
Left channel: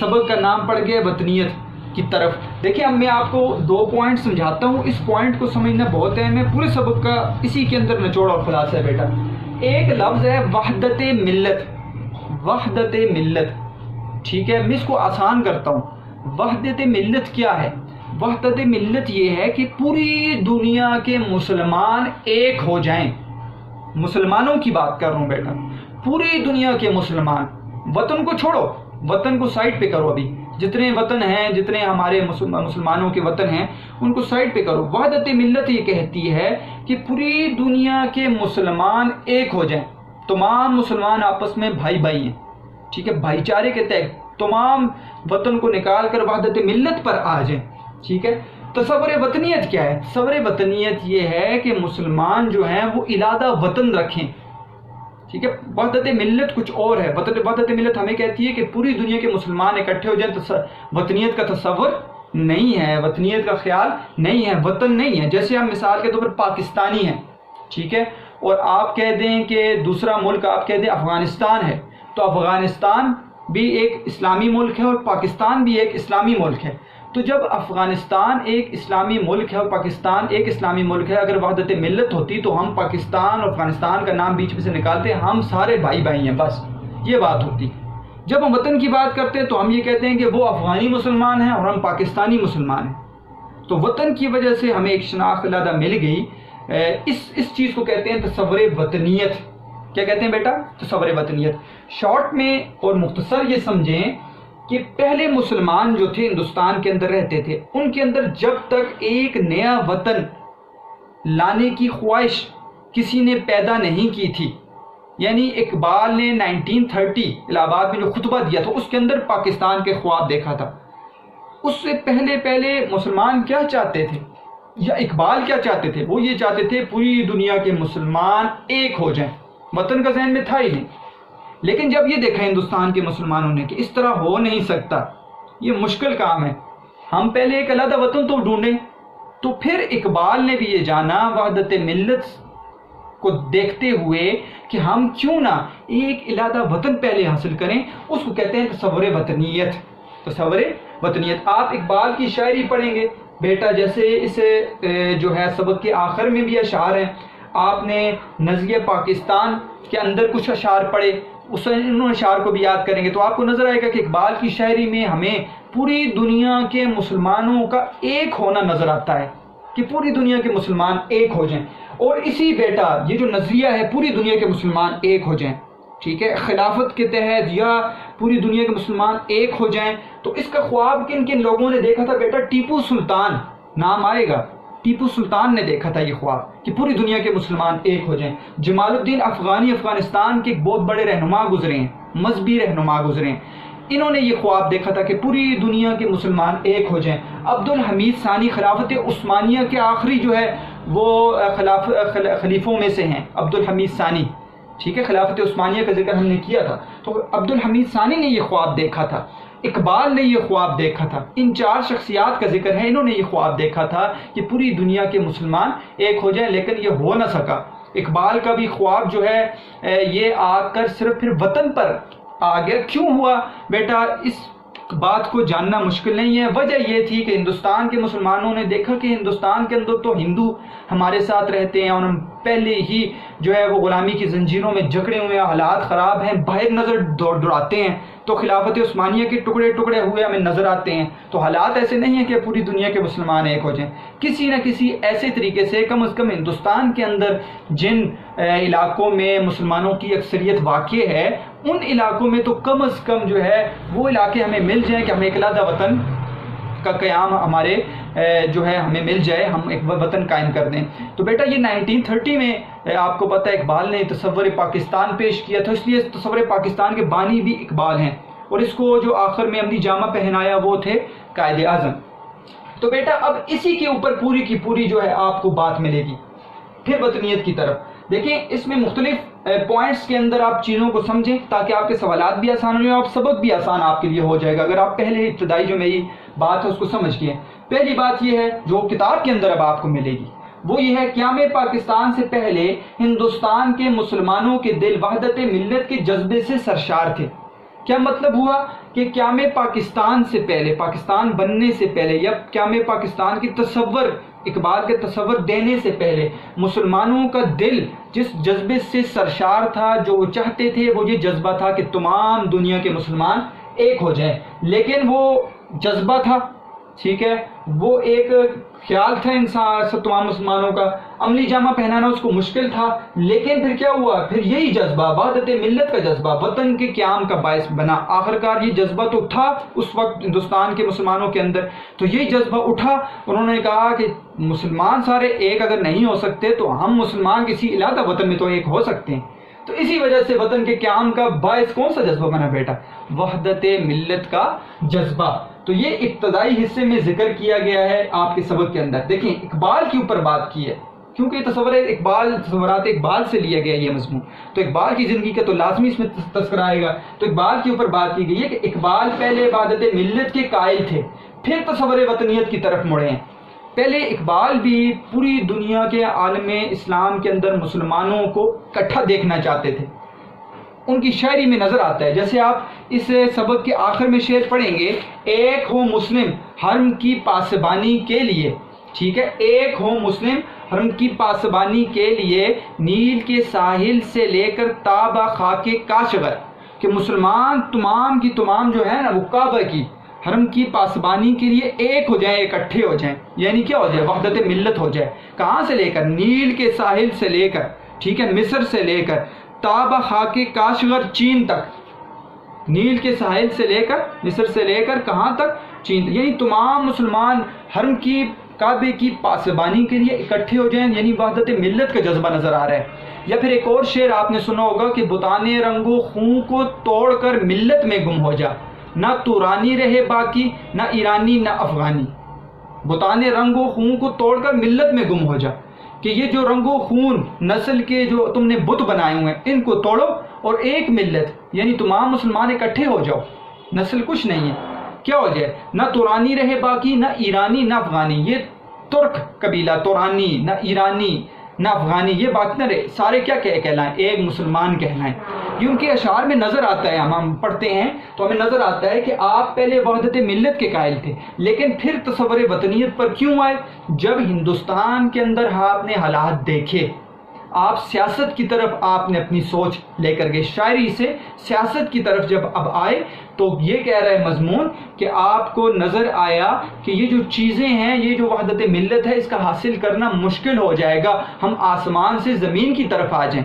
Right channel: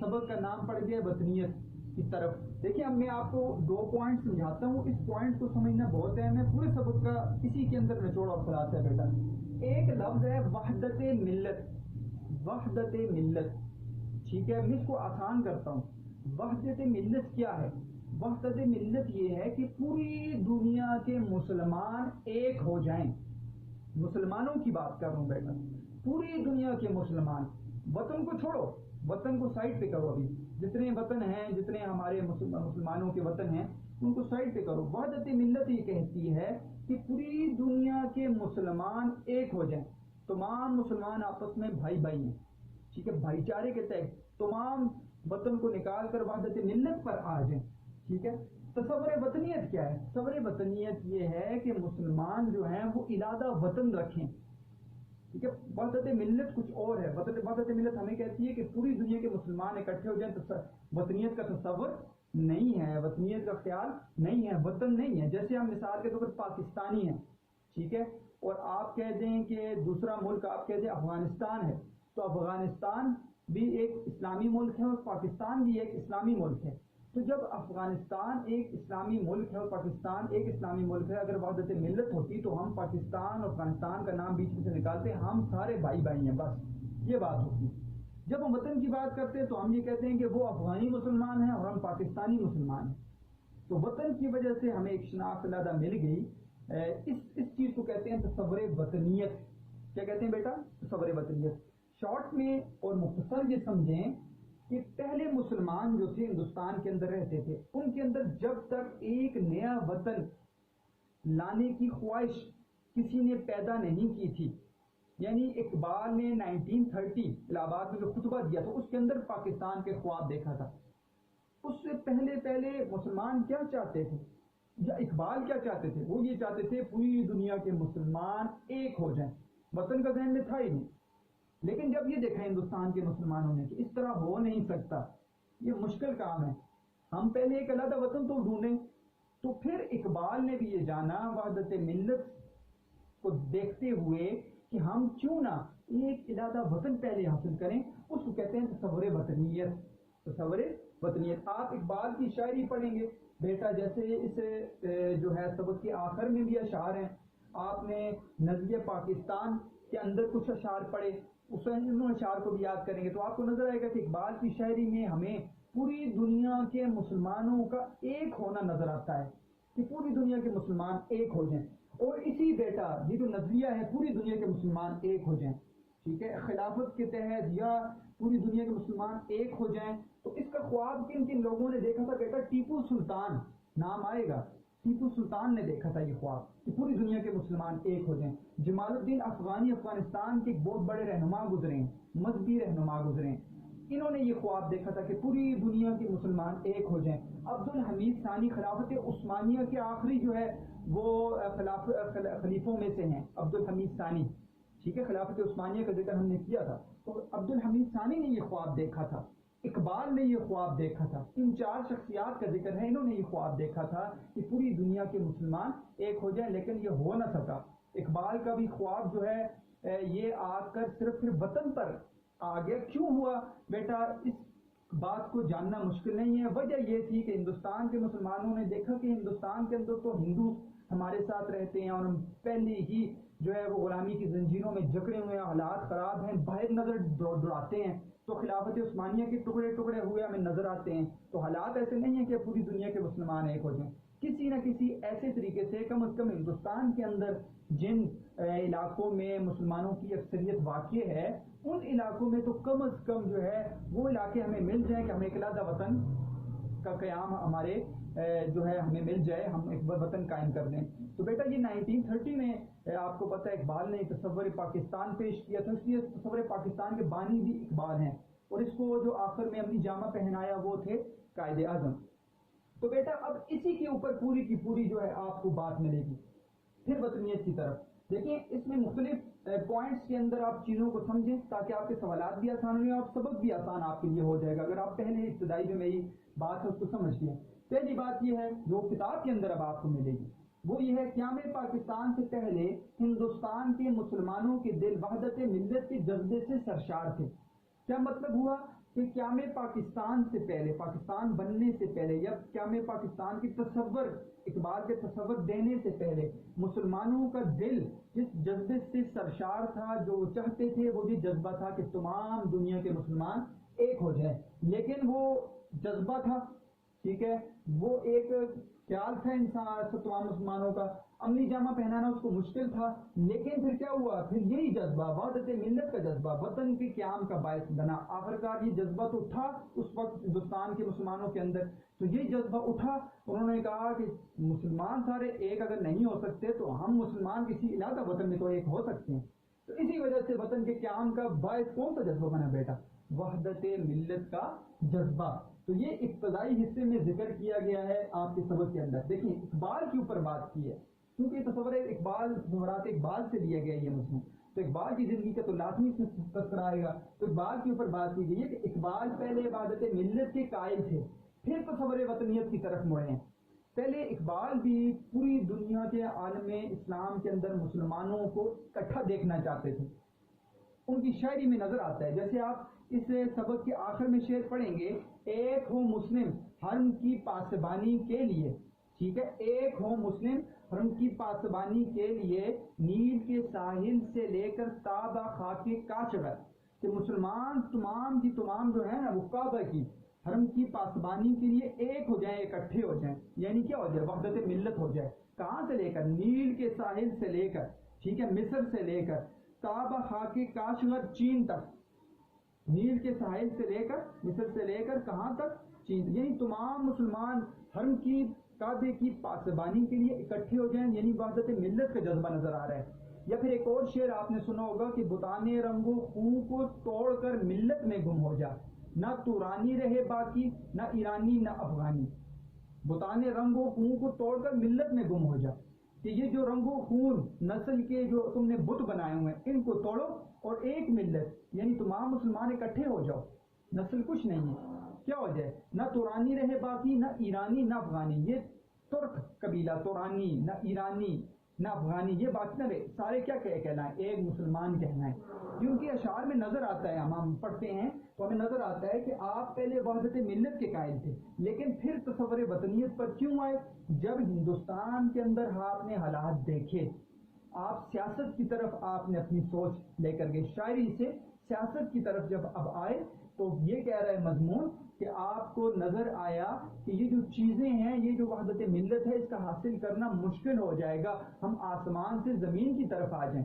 سبق کا نام پڑ گیا وطنیت کی طرف. دیکھیں اب میں آپ کو 2 پوائنٹ سمجھاتا ہوں، اس پوائنٹ کو سمجھنا بہت اہم ہے. پورے سبق کا اسی کے اندر نچوڑ اور خلاصہ ہے بیٹا. ایک لفظ ہے وحدت ملت، وحدت ملت، ٹھیک ہے. میں اس کو آسان کرتا ہوں. وحدت ملت کیا ہے؟ وحدت ملت یہ ہے کہ پوری دنیا کے مسلمان ایک ہو جائیں. مسلمانوں کی بات کر رہا ہوں بیٹا، پوری دنیا کے مسلمان. وطن کو چھوڑو، وطن کو سائڈ پہ کرو، ابھی جتنے وطن ہیں، جتنے ہمارے مسلمانوں کے وطن ہیں ان کو سائڈ پہ کرو. وحدت ملت یہ کہتی ہے کہ پوری دنیا کے مسلمان ایک ہو جائیں. تمام مسلمان آپس میں بھائی بھائی ہیں، ٹھیک ہے، بھائی چارے کے تحت تمام وطن کو نکال کر وحدت ملت پر آ جائیں، ٹھیک ہے. تصور وطنیت کیا ہے؟ تصور وطنیت یہ ہے کہ مسلمان جو ہیں وہ ارادہ وطن رکھیں، ٹھیک ہے. وحدت ملت کچھ اور ہے. وحدت ملت ہمیں کہتی ہے کہ پوری دنیا کے مسلمان اکٹھے ہو جائیں. وطنیت کا تصور نہیں ہے، وطنیت کا خیال نہیں ہے، وطن نہیں ہے. جیسے ہم مثال کے طور پر پاکستانی ہیں، ٹھیک ہے، اور آپ کہہ دیں کہ دوسرا ملک آپ کہہ دیں افغانستان ہے، تو افغانستان بھی ایک اسلامی ملک ہے اور پاکستان بھی ایک اسلامی ملک ہے. تو جب افغانستان ایک اسلامی ملک ہے اور پاکستان ایک اسلامی ملک ہے، اگر وحدت ملت ہوتی تو ہم پاکستان اور افغانستان کا نام بیچ میں سے نکالتے، ہم سارے بھائی بھائی ہیں، بس یہ بات ہوتی. جب ہم وطن کی بات کرتے ہیں تو ہم یہ کہتے ہیں کہ وہ افغانی مسلمان ہیں اور ہم پاکستانی مسلمان ہیں. تو وطن کی وجہ سے ہمیں ایک شناخت علیحدہ مل گئی. اس چیز کو کہتے ہیں تصور وطنیت. کیا کہتے ہیں بیٹا؟ تصور وطنیت. شارٹ میں اور مختصر یہ سمجھیں کہ پہلے مسلمان جو تھے ہندوستان کے اندر رہتے تھے، ان کے اندر جب تک ایک نیا وطن لانے کی خواہش کسی نے پیدا نہیں کی تھی، یعنی اقبال نے 1930 الہ آباد میں جو خطبہ دیا تھا اس کے اندر پاکستان کے خواب دیکھا تھا. اس سے پہلے مسلمان کیا چاہتے تھے یا اقبال کیا چاہتے تھے؟ وہ یہ چاہتے تھے پوری دنیا کے مسلمان ایک ہو جائیں. وطن کا ذہن میں تھا ہی نہیں. لیکن جب یہ دیکھا ہندوستان کے مسلمانوں نے کہ اس طرح ہو نہیں سکتا، یہ مشکل کام ہے، ہم پہلے ایک علیحدہ وطن تو ڈھونڈیں. تو پھر اقبال نے بھی یہ جانا وحدت ملت کو دیکھتے ہوئے کہ ہم کیوں نہ ایک علیحدہ وطن پہلے حاصل کریں. اس کو کہتے ہیں تصور وطنیت. تصور وطنیت. آپ اقبال کی شاعری پڑھیں گے بیٹا، جیسے اس جو ہے سبق کے آخر میں بھی اشعار ہیں. آپ نے نظریہ پاکستان کے اندر کچھ اشعار پڑھے، انہوں اشعار کو بھی یاد کریں گے تو آپ کو نظر آئے گا کہ اقبال کی شاعری میں ہمیں پوری دنیا کے مسلمانوں کا ایک ہونا نظر آتا ہے، کہ پوری دنیا کے مسلمان ایک ہو جائیں. اور اسی بیٹا یہ جو نظریہ ہے پوری دنیا کے مسلمان ایک ہو جائیں، ٹھیک ہے، خلافت کے تحت یا پوری دنیا کے مسلمان ایک ہو جائیں. تو اس کا خواب کن کن لوگوں نے دیکھا تھا بیٹا؟ ٹیپو سلطان نام آئے گا. ٹیپو سلطان نے دیکھا تھا یہ خواب کہ پوری دنیا کے مسلمان ایک ہو جائیں. جمال الدین افغانی افغانستان کے ایک بہت بڑے رہنما گزرے ہیں، مذہبی رہنما گزرے ہیں. انہوں نے یہ خواب دیکھا تھا کہ پوری دنیا کے مسلمان ایک ہو جائیں. عبد الحمید ثانی خلافت عثمانیہ کے آخری جو ہے وہ خلیفوں میں سے ہیں، عبد الحمید ثانی، ٹھیک ہے. خلافت عثمانیہ کا ذکر ہم نے کیا تھا. تو عبد الحمید ثانی نے یہ خواب دیکھا تھا، اقبال نے یہ خواب دیکھا تھا. ان چار شخصیات کا ذکر ہے، انہوں نے یہ خواب دیکھا تھا کہ پوری دنیا کے مسلمان ایک ہو جائیں، لیکن یہ ہو نہ سکا. اقبال کا بھی خواب جو ہے یہ آ کر صرف پھر وطن پر آ گیا. کیوں ہوا بیٹا؟ اس بات کو جاننا مشکل نہیں ہے. وجہ یہ تھی کہ ہندوستان کے مسلمانوں نے دیکھا کہ ہندوستان کے اندر تو ہندو ہمارے ساتھ رہتے ہیں اور ہم پہلے ہی جو ہے وہ غلامی کی زنجیروں میں جکڑے ہوئے ہیں، حالات خراب ہیں، باہر نظر دوڑاتے ہیں. تو خلافت عثمانیہ کے ٹکڑے ٹکڑے ہوئے ہمیں نظر آتے ہیں. تو حالات ایسے نہیں ہیں کہ پوری دنیا کے مسلمان ایک ہو جائیں. کسی نہ کسی ایسے طریقے سے کم از کم ہندوستان کے اندر جن علاقوں میں مسلمانوں کی اکثریت واقع ہے، ان علاقوں میں تو کم از کم جو ہے وہ علاقے ہمیں مل جائیں کہ ہم ایک علیحدہ وطن کا قیام ہمارے جو ہے ہمیں مل جائے، ہم ایک وطن قائم کر دیں. تو بیٹا یہ 1930 میں آپ کو پتہ ہے اقبال نے تصور پاکستان پیش کیا تھا، اس لیے تصور پاکستان کے بانی بھی اقبال ہیں، اور اس کو جو آخر میں عملی جامہ پہنایا وہ تھے قائد اعظم. تو بیٹا اب اسی کے اوپر پوری کی پوری جو ہے آپ کو بات ملے گی. پھر وطنیت کی طرف دیکھیں، اس میں مختلف پوائنٹس کے اندر آپ چیزوں کو سمجھیں تاکہ آپ کے سوالات بھی آسان ہو جائیں اور سبق بھی آسان آپ کے لیے ہو جائے گا اگر آپ پہلے ابتدائی جو میری بات ہے اس کو سمجھ گئے. پہلی بات یہ ہے جو کتاب کے اندر اب آپ کو ملے گی، وہ یہ ہے قیام پاکستان سے پہلے ہندوستان کے مسلمانوں کے دل وحدت ملت کے جذبے سے سرشار تھے. کیا مطلب ہوا کہ قیام پاکستان سے پہلے، پاکستان بننے سے پہلے یا قیام پاکستان کی تصور، اقبال کے تصور دینے سے پہلے مسلمانوں کا دل جس جذبے سے سرشار تھا، جو وہ چاہتے تھے، وہ یہ جذبہ تھا کہ تمام دنیا کے مسلمان ایک ہو جائیں. لیکن وہ جذبہ تھا، ٹھیک ہے، وہ ایک خیال تھا انسان سب تمام مسلمانوں کا، عملی جامہ پہنانا اس کو مشکل تھا. لیکن پھر کیا ہوا؟ پھر یہی جذبہ وحدت ملت کا جذبہ وطن کے قیام کا باعث بنا. آخرکار یہ جذبہ تو تھا اس وقت ہندوستان کے مسلمانوں کے اندر، تو یہی جذبہ اٹھا. انہوں نے کہا کہ مسلمان سارے ایک اگر نہیں ہو سکتے تو ہم مسلمان کسی علیحدہ وطن میں تو ایک ہو سکتے ہیں. تو اسی وجہ سے وطن کے قیام کا باعث کون سا جذبہ بنا بیٹا؟ وحدت ملت کا جذبہ. تو یہ ابتدائی حصے میں ذکر کیا گیا ہے آپ کے سبق کے اندر. دیکھیں اقبال کے اوپر بات کی ہے کیونکہ یہ تصورات اقبال سے لیا گیا یہ مضمون، تو اقبال کی زندگی کا تو لازمی اس میں تذکرہ آئے گا. تو اقبال کے اوپر بات کی گئی ہے کہ اقبال پہلے وحدت ملت کے قائل تھے، پھر تصور وطنیت کی طرف مڑے ہیں. پہلے اقبال بھی پوری دنیا کے عالم اسلام کے اندر مسلمانوں کو اکٹھا دیکھنا چاہتے تھے. ان کی شاعری میں نظر آتا ہے، جیسے آپ اس سبق کے آخر میں شعر پڑھیں گے، ایک ہو مسلم حرم کی پاسبانی کے لیے، ٹھیک ہے، ایک ہو مسلم حرم کی پاسبانی کے لیے، نیل کے ساحل سے لے کر تابہ خاک کاشغر، کہ مسلمان تمام کی تمام جو ہے نا وہ کعبہ کی حرم کی پاسبانی کے لیے ایک ہو جائیں، اکٹھے ہو جائیں. یعنی کیا ہو جائے؟ وحدت ملت ہو جائے. کہاں سے لے کر؟ نیل کے ساحل سے لے کر، ٹھیک ہے، مصر سے لے کر تابہ خاک کاشغر چین تک، نیل کے ساحل سے لے کر مصر سے لے کر کہاں تک؟ چین. یعنی تمام مسلمان حرم کی کعبے کی پاسبانی کے لیے اکٹھے ہو جائیں، یعنی وحدت ملت کا جذبہ نظر آ رہا ہے. یا پھر ایک اور شعر آپ نے سنا ہوگا کہ بتانے رنگ و خون کو توڑ کر ملت میں گم ہو جا، نہ تورانی رہے باقی، نہ ایرانی نہ افغانی. بتانے رنگ و خون کو توڑ کر ملت میں گم ہو جا، کہ یہ جو رنگ و خون نسل کے جو تم نے بت بنائے ہوئے ہیں ان کو توڑو اور ایک ملت یعنی تمام مسلمان اکٹھے ہو جاؤ. نسل کچھ نہیں ہے، کیا ہو جائے؟ نہ تورانی رہے باقی، نہ ایرانی نہ افغانی. یہ ترک قبیلہ تورانی، نہ ایرانی نہ افغانی، یہ باقی نہ رہے، سارے کیا کہلائیں؟ ایک مسلمان کہلائیں. یہ ان کے اشعار میں نظر آتا ہے. ہم پڑھتے ہیں تو ہمیں نظر آتا ہے کہ آپ پہلے وحدت ملت کے قائل تھے، لیکن پھر تصور وطنیت پر کیوں آئے؟ جب ہندوستان کے اندر آپ نے حالات دیکھے، آپ سیاست کی طرف آپ نے اپنی سوچ لے کر گئے، شاعری سے سیاست کی طرف جب اب آئے تو یہ کہہ رہا ہے مضمون کہ آپ کو نظر آیا کہ یہ جو چیزیں ہیں، یہ جو وحدت ملت ہے، اس کا حاصل کرنا مشکل ہو جائے گا، ہم آسمان سے زمین کی طرف آ جائیں.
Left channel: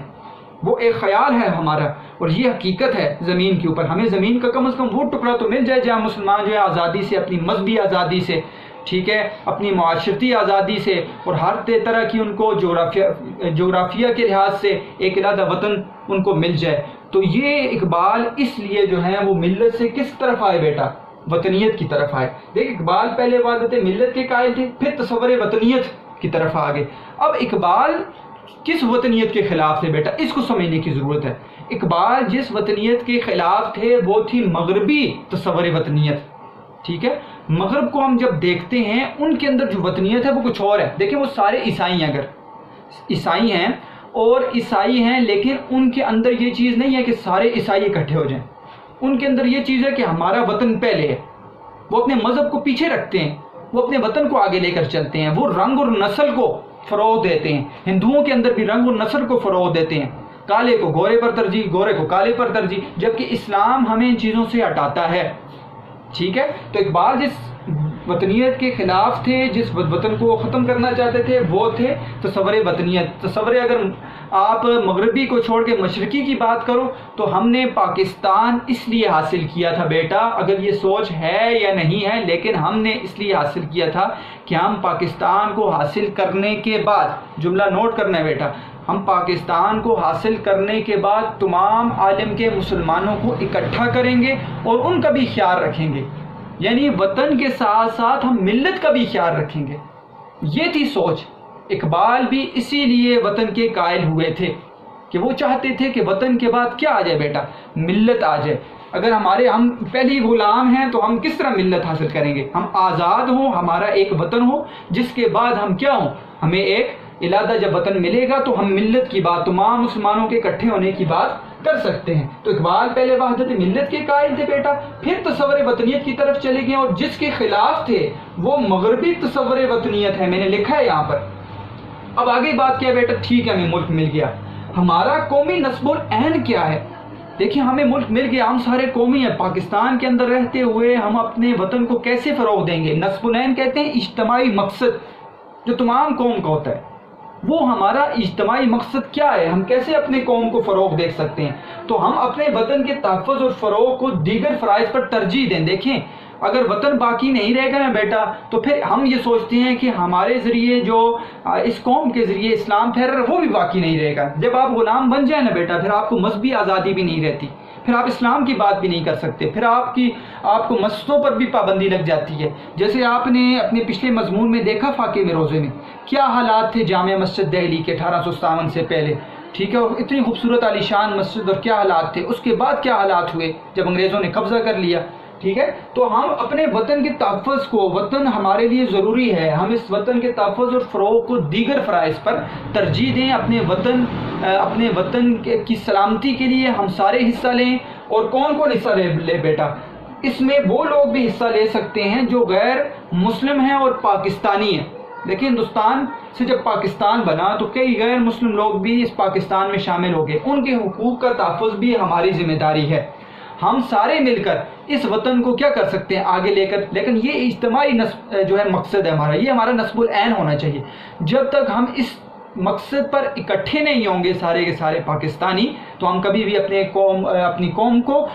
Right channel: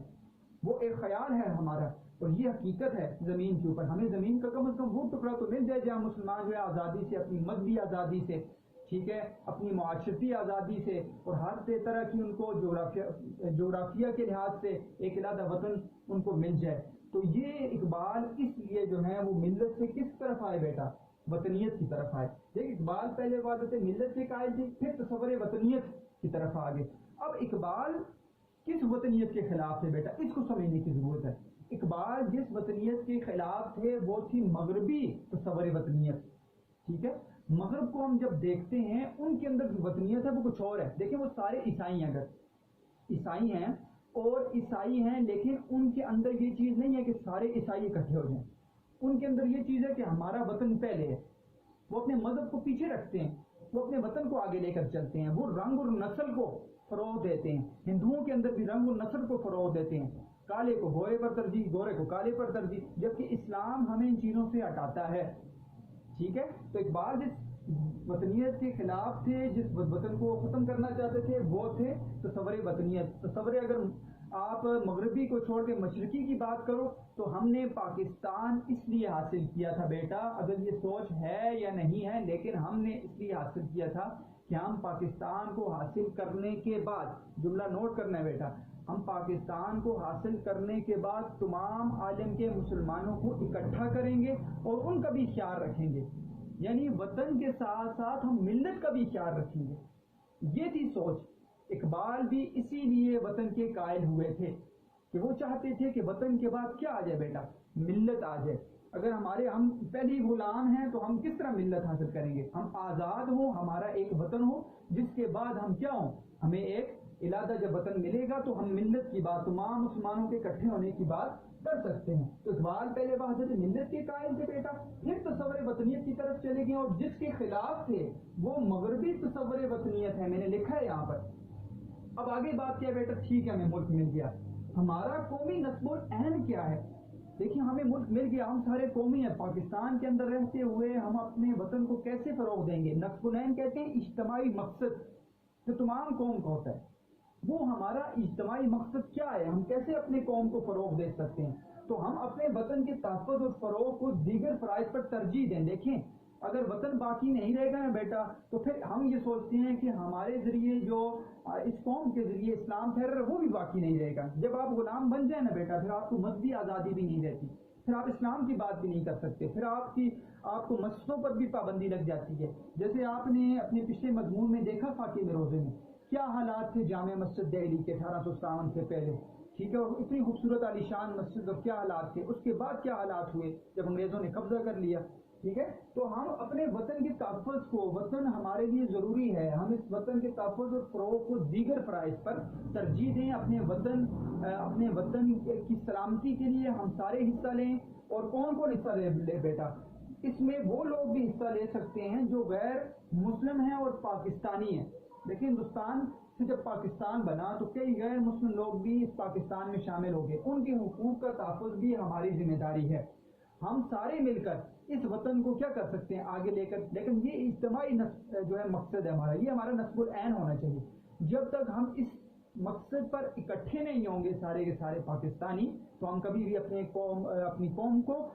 وہ ایک خیال ہے ہمارا اور یہ حقیقت ہے زمین کے اوپر. ہمیں زمین کا کم از کم وہ ٹکڑا تو مل جائے جہاں مسلمان جو ہے آزادی سے، اپنی مذہبی آزادی سے، ٹھیک ہے، اپنی معاشرتی آزادی سے اور ہر طرح کی ان کو جغرافیہ کے لحاظ سے ایک علیحدہ وطن ان کو مل جائے. تو یہ اقبال اس لیے جو ہے وہ ملت سے کس طرف آئے بیٹا؟ وطنیت کی طرف آئے. دیکھ، اقبال پہلے وحدت ملت کے قائل تھے، پھر تصور وطنیت کی طرف آگے. اب اقبال کس وطنیت کے خلاف تھے بیٹا؟ اس کو سمجھنے کی ضرورت ہے. اقبال جس وطنیت کے خلاف تھے وہ تھی مغربی تصور وطنیت. ٹھیک ہے، مغرب کو ہم جب دیکھتے ہیں ان کے اندر جو وطنیت ہے وہ کچھ اور ہے. دیکھیں وہ سارے عیسائی ہیں، اگر عیسائی ہیں اور عیسائی ہیں، لیکن ان کے اندر یہ چیز نہیں ہے کہ سارے عیسائی اکٹھے ہو جائیں. ان کے اندر یہ چیز ہے کہ ہمارا وطن پہلے ہے. وہ اپنے مذہب کو پیچھے رکھتے ہیں، وہ اپنے وطن کو آگے لے کر چلتے ہیں، وہ رنگ اور نسل کو فروغ دیتے ہیں. ہندوؤں کے اندر بھی رنگ اور نسل کو فروغ دیتے ہیں، کالے کو گورے پر ترجیح، گورے کو کالے پر ترجیح، جبکہ اسلام ہمیں ان چیزوں سے ہٹاتا ہے. ٹھیک ہے، تو اقبال جس وطنیت کے خلاف تھے، جس وطن کو ختم کرنا چاہتے تھے، وہ تھے تصور وطنیت. تصور اگر آپ مغربی کو چھوڑ کے مشرقی کی بات کرو تو ہم نے پاکستان اس لیے حاصل کیا تھا بیٹا، اگر یہ سوچ ہے یا نہیں ہے، لیکن ہم نے اس لیے حاصل کیا تھا کہ ہم پاکستان کو حاصل کرنے کے بعد، جملہ نوٹ کرنا ہے بیٹا، ہم پاکستان کو حاصل کرنے کے بعد تمام عالم کے مسلمانوں کو اکٹھا کریں گے اور ان کا بھی خیال رکھیں گے. یعنی وطن کے ساتھ ساتھ ہم ملت کا بھی خیال رکھیں گے. یہ تھی سوچ. اقبال بھی اسی لیے وطن کے قائل ہوئے تھے کہ وہ چاہتے تھے کہ وطن کے بعد کیا آ جائے بیٹا؟ ملت آ جائے. اگر ہم پہلی غلام ہیں تو ہم کس طرح ملت حاصل کریں گے؟ ہم آزاد ہوں، ہمارا ایک وطن ہو، جس کے بعد ہم کیا ہوں؟ ہمیں ایک علیحدہ جب وطن ملے گا تو ہم ملت کی بات، تمام مسلمانوں کے اکٹھے ہونے کی بات کر سکتے ہیں. تو اقبال پہلے وحدت ملت کے قائل تھے بیٹا، پھر تصور وطنیت کی طرف چلے گئے، اور جس کے خلاف تھے وہ مغربی تصور وطنیت ہے. میں نے لکھا ہے یہاں پر. اب آگے بات کیا بیٹا؟ ٹھیک ہے، ہمیں ملک مل گیا، ہمارا قومی نصب العین کیا ہے؟ دیکھیں ہمیں ملک مل گیا، ہم سارے قومی ہیں. پاکستان کے اندر رہتے ہوئے ہم اپنے وطن کو کیسے فروغ دیں گے؟ نصب العین کہتے ہیں اجتماعی مقصد جو تمام قوم کا ہوتا ہے. وہ ہمارا اجتماعی مقصد کیا ہے؟ ہم کیسے اپنے قوم کو فروغ دے سکتے ہیں؟ تو ہم اپنے وطن کے تحفظ اور فروغ کو دیگر فرائض پر ترجیح دیں. دیکھیں اگر وطن باقی نہیں رہے گا نا بیٹا تو پھر ہم یہ سوچتے ہیں کہ ہمارے ذریعے جو اس قوم کے ذریعے اسلام پھیل رہا ہے وہ بھی باقی نہیں رہے گا. جب آپ غلام بن جائیں نا بیٹا پھر آپ کو مذہبی آزادی بھی نہیں رہتی، پھر آپ اسلام کی بات بھی نہیں کر سکتے، پھر آپ کو مسجدوں پر بھی پابندی لگ جاتی ہے. جیسے آپ نے اپنے پچھلے مضمون میں دیکھا فاقے میں روزے میں کیا حالات تھے جامع مسجد دہلی کے 1857 سے پہلے. ٹھیک ہے، اور اتنی خوبصورت عالی شان مسجد، اور کیا حالات تھے. اس کے بعد کیا حالات ہوئے جب انگریزوں نے قبضہ کر لیا. ٹھیک ہے، تو ہم اپنے وطن کے تحفظ کو، وطن ہمارے لیے ضروری ہے، ہم اس وطن کے تحفظ اور فروغ کو دیگر فرائض پر ترجیح دیں، اپنے وطن کی سلامتی کے لیے ہم سارے حصہ لیں۔ اور کون کون حصہ لے بیٹا؟ اس میں وہ لوگ بھی حصہ لے سکتے ہیں جو غیر مسلم ہیں اور پاکستانی ہیں۔ لیکن ہندوستان سے جب پاکستان بنا تو کئی غیر مسلم لوگ بھی اس پاکستان میں شامل ہو گئے، ان کے حقوق کا تحفظ بھی ہماری ذمہ داری ہے۔ ہم سارے مل کر اس وطن کو کیا کر سکتے ہیں آگے لے کر، لیکن یہ اجتماعی جو ہے مقصد ہے ہمارا، یہ ہمارا نصب العین ہونا چاہیے۔ جب تک ہم اس مقصد پر اکٹھے نہیں ہوں گے سارے کے سارے پاکستانی، تو ہم کبھی بھی اپنی قوم کو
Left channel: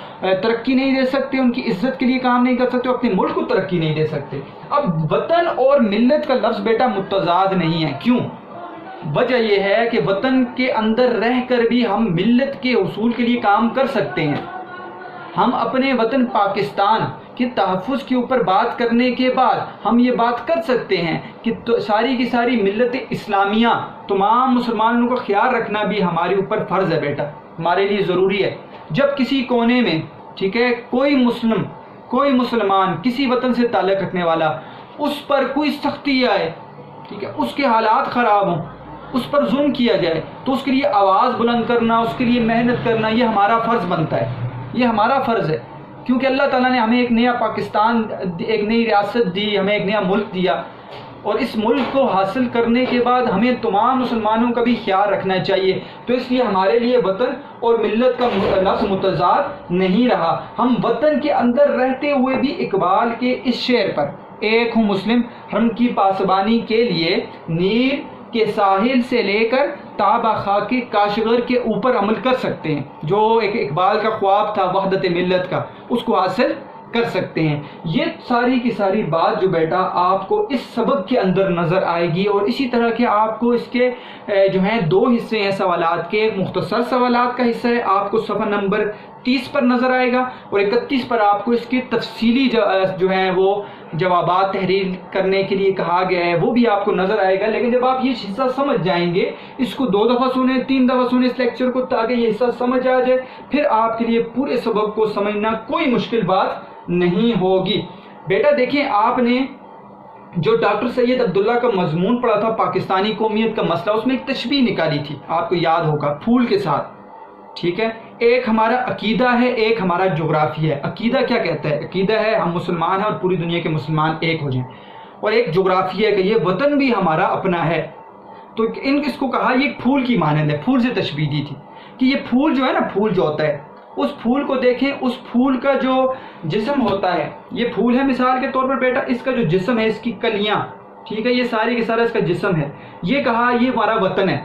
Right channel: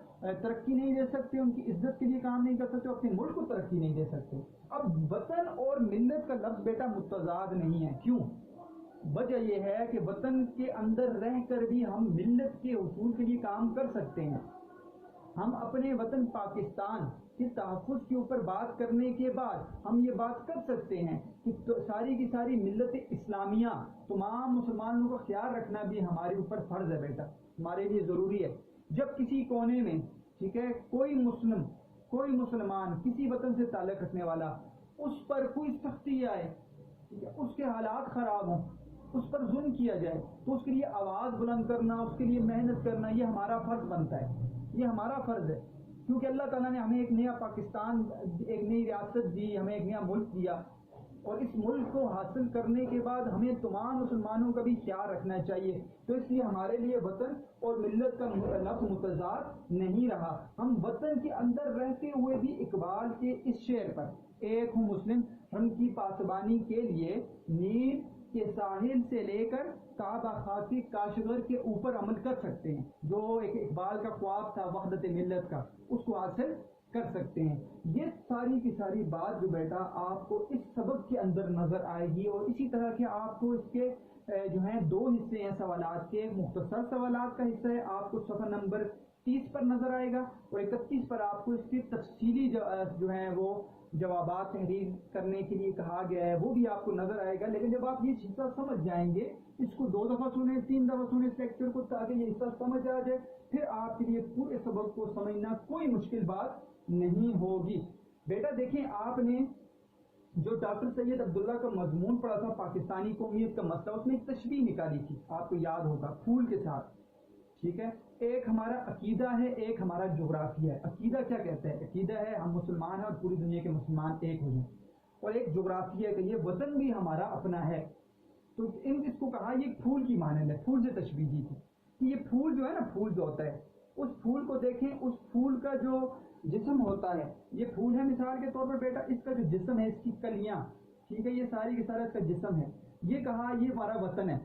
ترقی نہیں دے سکتے، ان کی عزت کے لیے کام نہیں کر سکتے، اپنے ملک کو ترقی نہیں دے سکتے۔ اب وطن اور ملت کا لفظ بیٹا متضاد نہیں ہے، کیوں؟ وجہ یہ ہے کہ وطن کے اندر رہ کر بھی ہم ملت کے حصول کے لیے کام کر سکتے ہیں۔ ہم اپنے وطن پاکستان کے تحفظ کے اوپر بات کرنے کے بعد ہم یہ بات کر سکتے ہیں کہ ساری کی ساری ملت اسلامیہ، تمام مسلمانوں کا خیال رکھنا بھی ہمارے اوپر فرض ہے بیٹا، ہمارے لیے ضروری ہے۔ جب کسی کونے میں، ٹھیک ہے، کوئی مسلمان کسی وطن سے تعلق رکھنے والا، اس پر کوئی سختی آئے، ٹھیک ہے، اس کے حالات خراب ہوں، اس پر ظلم کیا جائے، تو اس کے لیے آواز بلند کرنا، اس کے لیے محنت کرنا، یہ ہمارا فرض بنتا ہے، یہ ہمارا فرض ہے، کیونکہ اللہ تعالیٰ نے ہمیں ایک نیا پاکستان، ایک نئی ریاست دی، ہمیں ایک نیا ملک دیا، اور اس ملک کو حاصل کرنے کے بعد ہمیں تمام مسلمانوں کا بھی خیال رکھنا چاہیے۔ تو اس لیے ہمارے لیے وطن اور ملت کا لفظ متضاد نہیں رہا۔ ہم وطن کے اندر رہتے ہوئے بھی اقبال کے اس شعر پر، ایک ہوں مسلم ہم کی پاسبانی کے لیے، نیل کے ساحل سے لے کر تابہ خاک کاشغر کے اوپر عمل کر سکتے ہیں۔ جو ایک اقبال کا خواب تھا وحدت ملت کا، اس کو حاصل کر سکتے ہیں۔ یہ ساری کی ساری بات جو بیٹا آپ کو اس سبق کے اندر نظر آئے گی، اور اسی طرح کے آپ کو اس کے جو ہیں 2 حصے ہیں سوالات کے، مختصر سوالات کا حصہ ہے، آپ کو صفحہ نمبر 30 پر نظر آئے گا، اور 31 پر آپ کو اس کے تفصیلی جو ہیں وہ جوابات تحریر کرنے کے لیے کہا گیا ہے، وہ بھی آپ کو نظر آئے گا۔ لیکن جب آپ یہ حصہ سمجھ جائیں گے، اس کو 2 دفعہ سنیں، 3 دفعہ سنیں اس لیکچر کو، تاکہ یہ حصہ سمجھ آ جائے، پھر آپ کے لیے پورے سبق کو سمجھنا کوئی مشکل بات نہیں ہوگی۔ بیٹا دیکھیں، آپ نے جو ڈاکٹر سید عبداللہ کا مضمون پڑھا تھا پاکستانی قومیت کا مسئلہ، اس میں ایک تشبیہ نکالی تھی، آپ کو یاد ہوگا، پھول کے ساتھ، ٹھیک ہے۔ ایک ہمارا عقیدہ ہے، ایک ہمارا جغرافیہ ہے۔ عقیدہ کیا کہتا ہے؟ عقیدہ ہے ہم مسلمان ہیں اور پوری دنیا کے مسلمان ایک ہو جائیں، اور ایک جغرافیہ ہے کہ یہ وطن بھی ہمارا اپنا ہے۔ تو اس کو کہا یہ پھول کی مانند ہے، پھول سے تشبیہ دی تھی کہ یہ پھول جو ہے نا، پھول جو ہوتا ہے، اس پھول کو دیکھیں، اس پھول کا جو جسم ہوتا ہے، یہ پھول ہے مثال کے طور پر بیٹا، اس کا جو جسم ہے، اس کی کلیاں، ٹھیک ہے، یہ ساری کے سارا اس کا جسم ہے، یہ کہا یہ ہمارا وطن ہے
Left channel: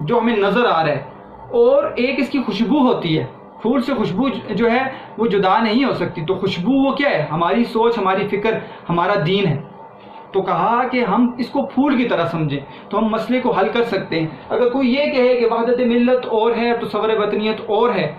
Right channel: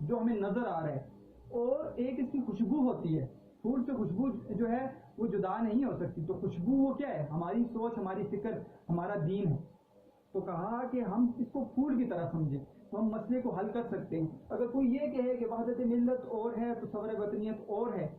جو ہمیں نظر آ رہا ہے، اور ایک اس کی خوشبو ہوتی ہے، پھول سے خوشبو جو ہے وہ جدا نہیں ہو سکتی، تو خوشبو وہ کیا ہے؟ ہماری سوچ، ہماری فکر، ہمارا دین ہے۔ تو کہا کہ ہم اس کو پھول کی طرح سمجھیں تو ہم مسئلے کو حل کر سکتے ہیں۔ اگر کوئی یہ کہے کہ وحدت ملت اور ہے تو صبر وطنیت اور ہے،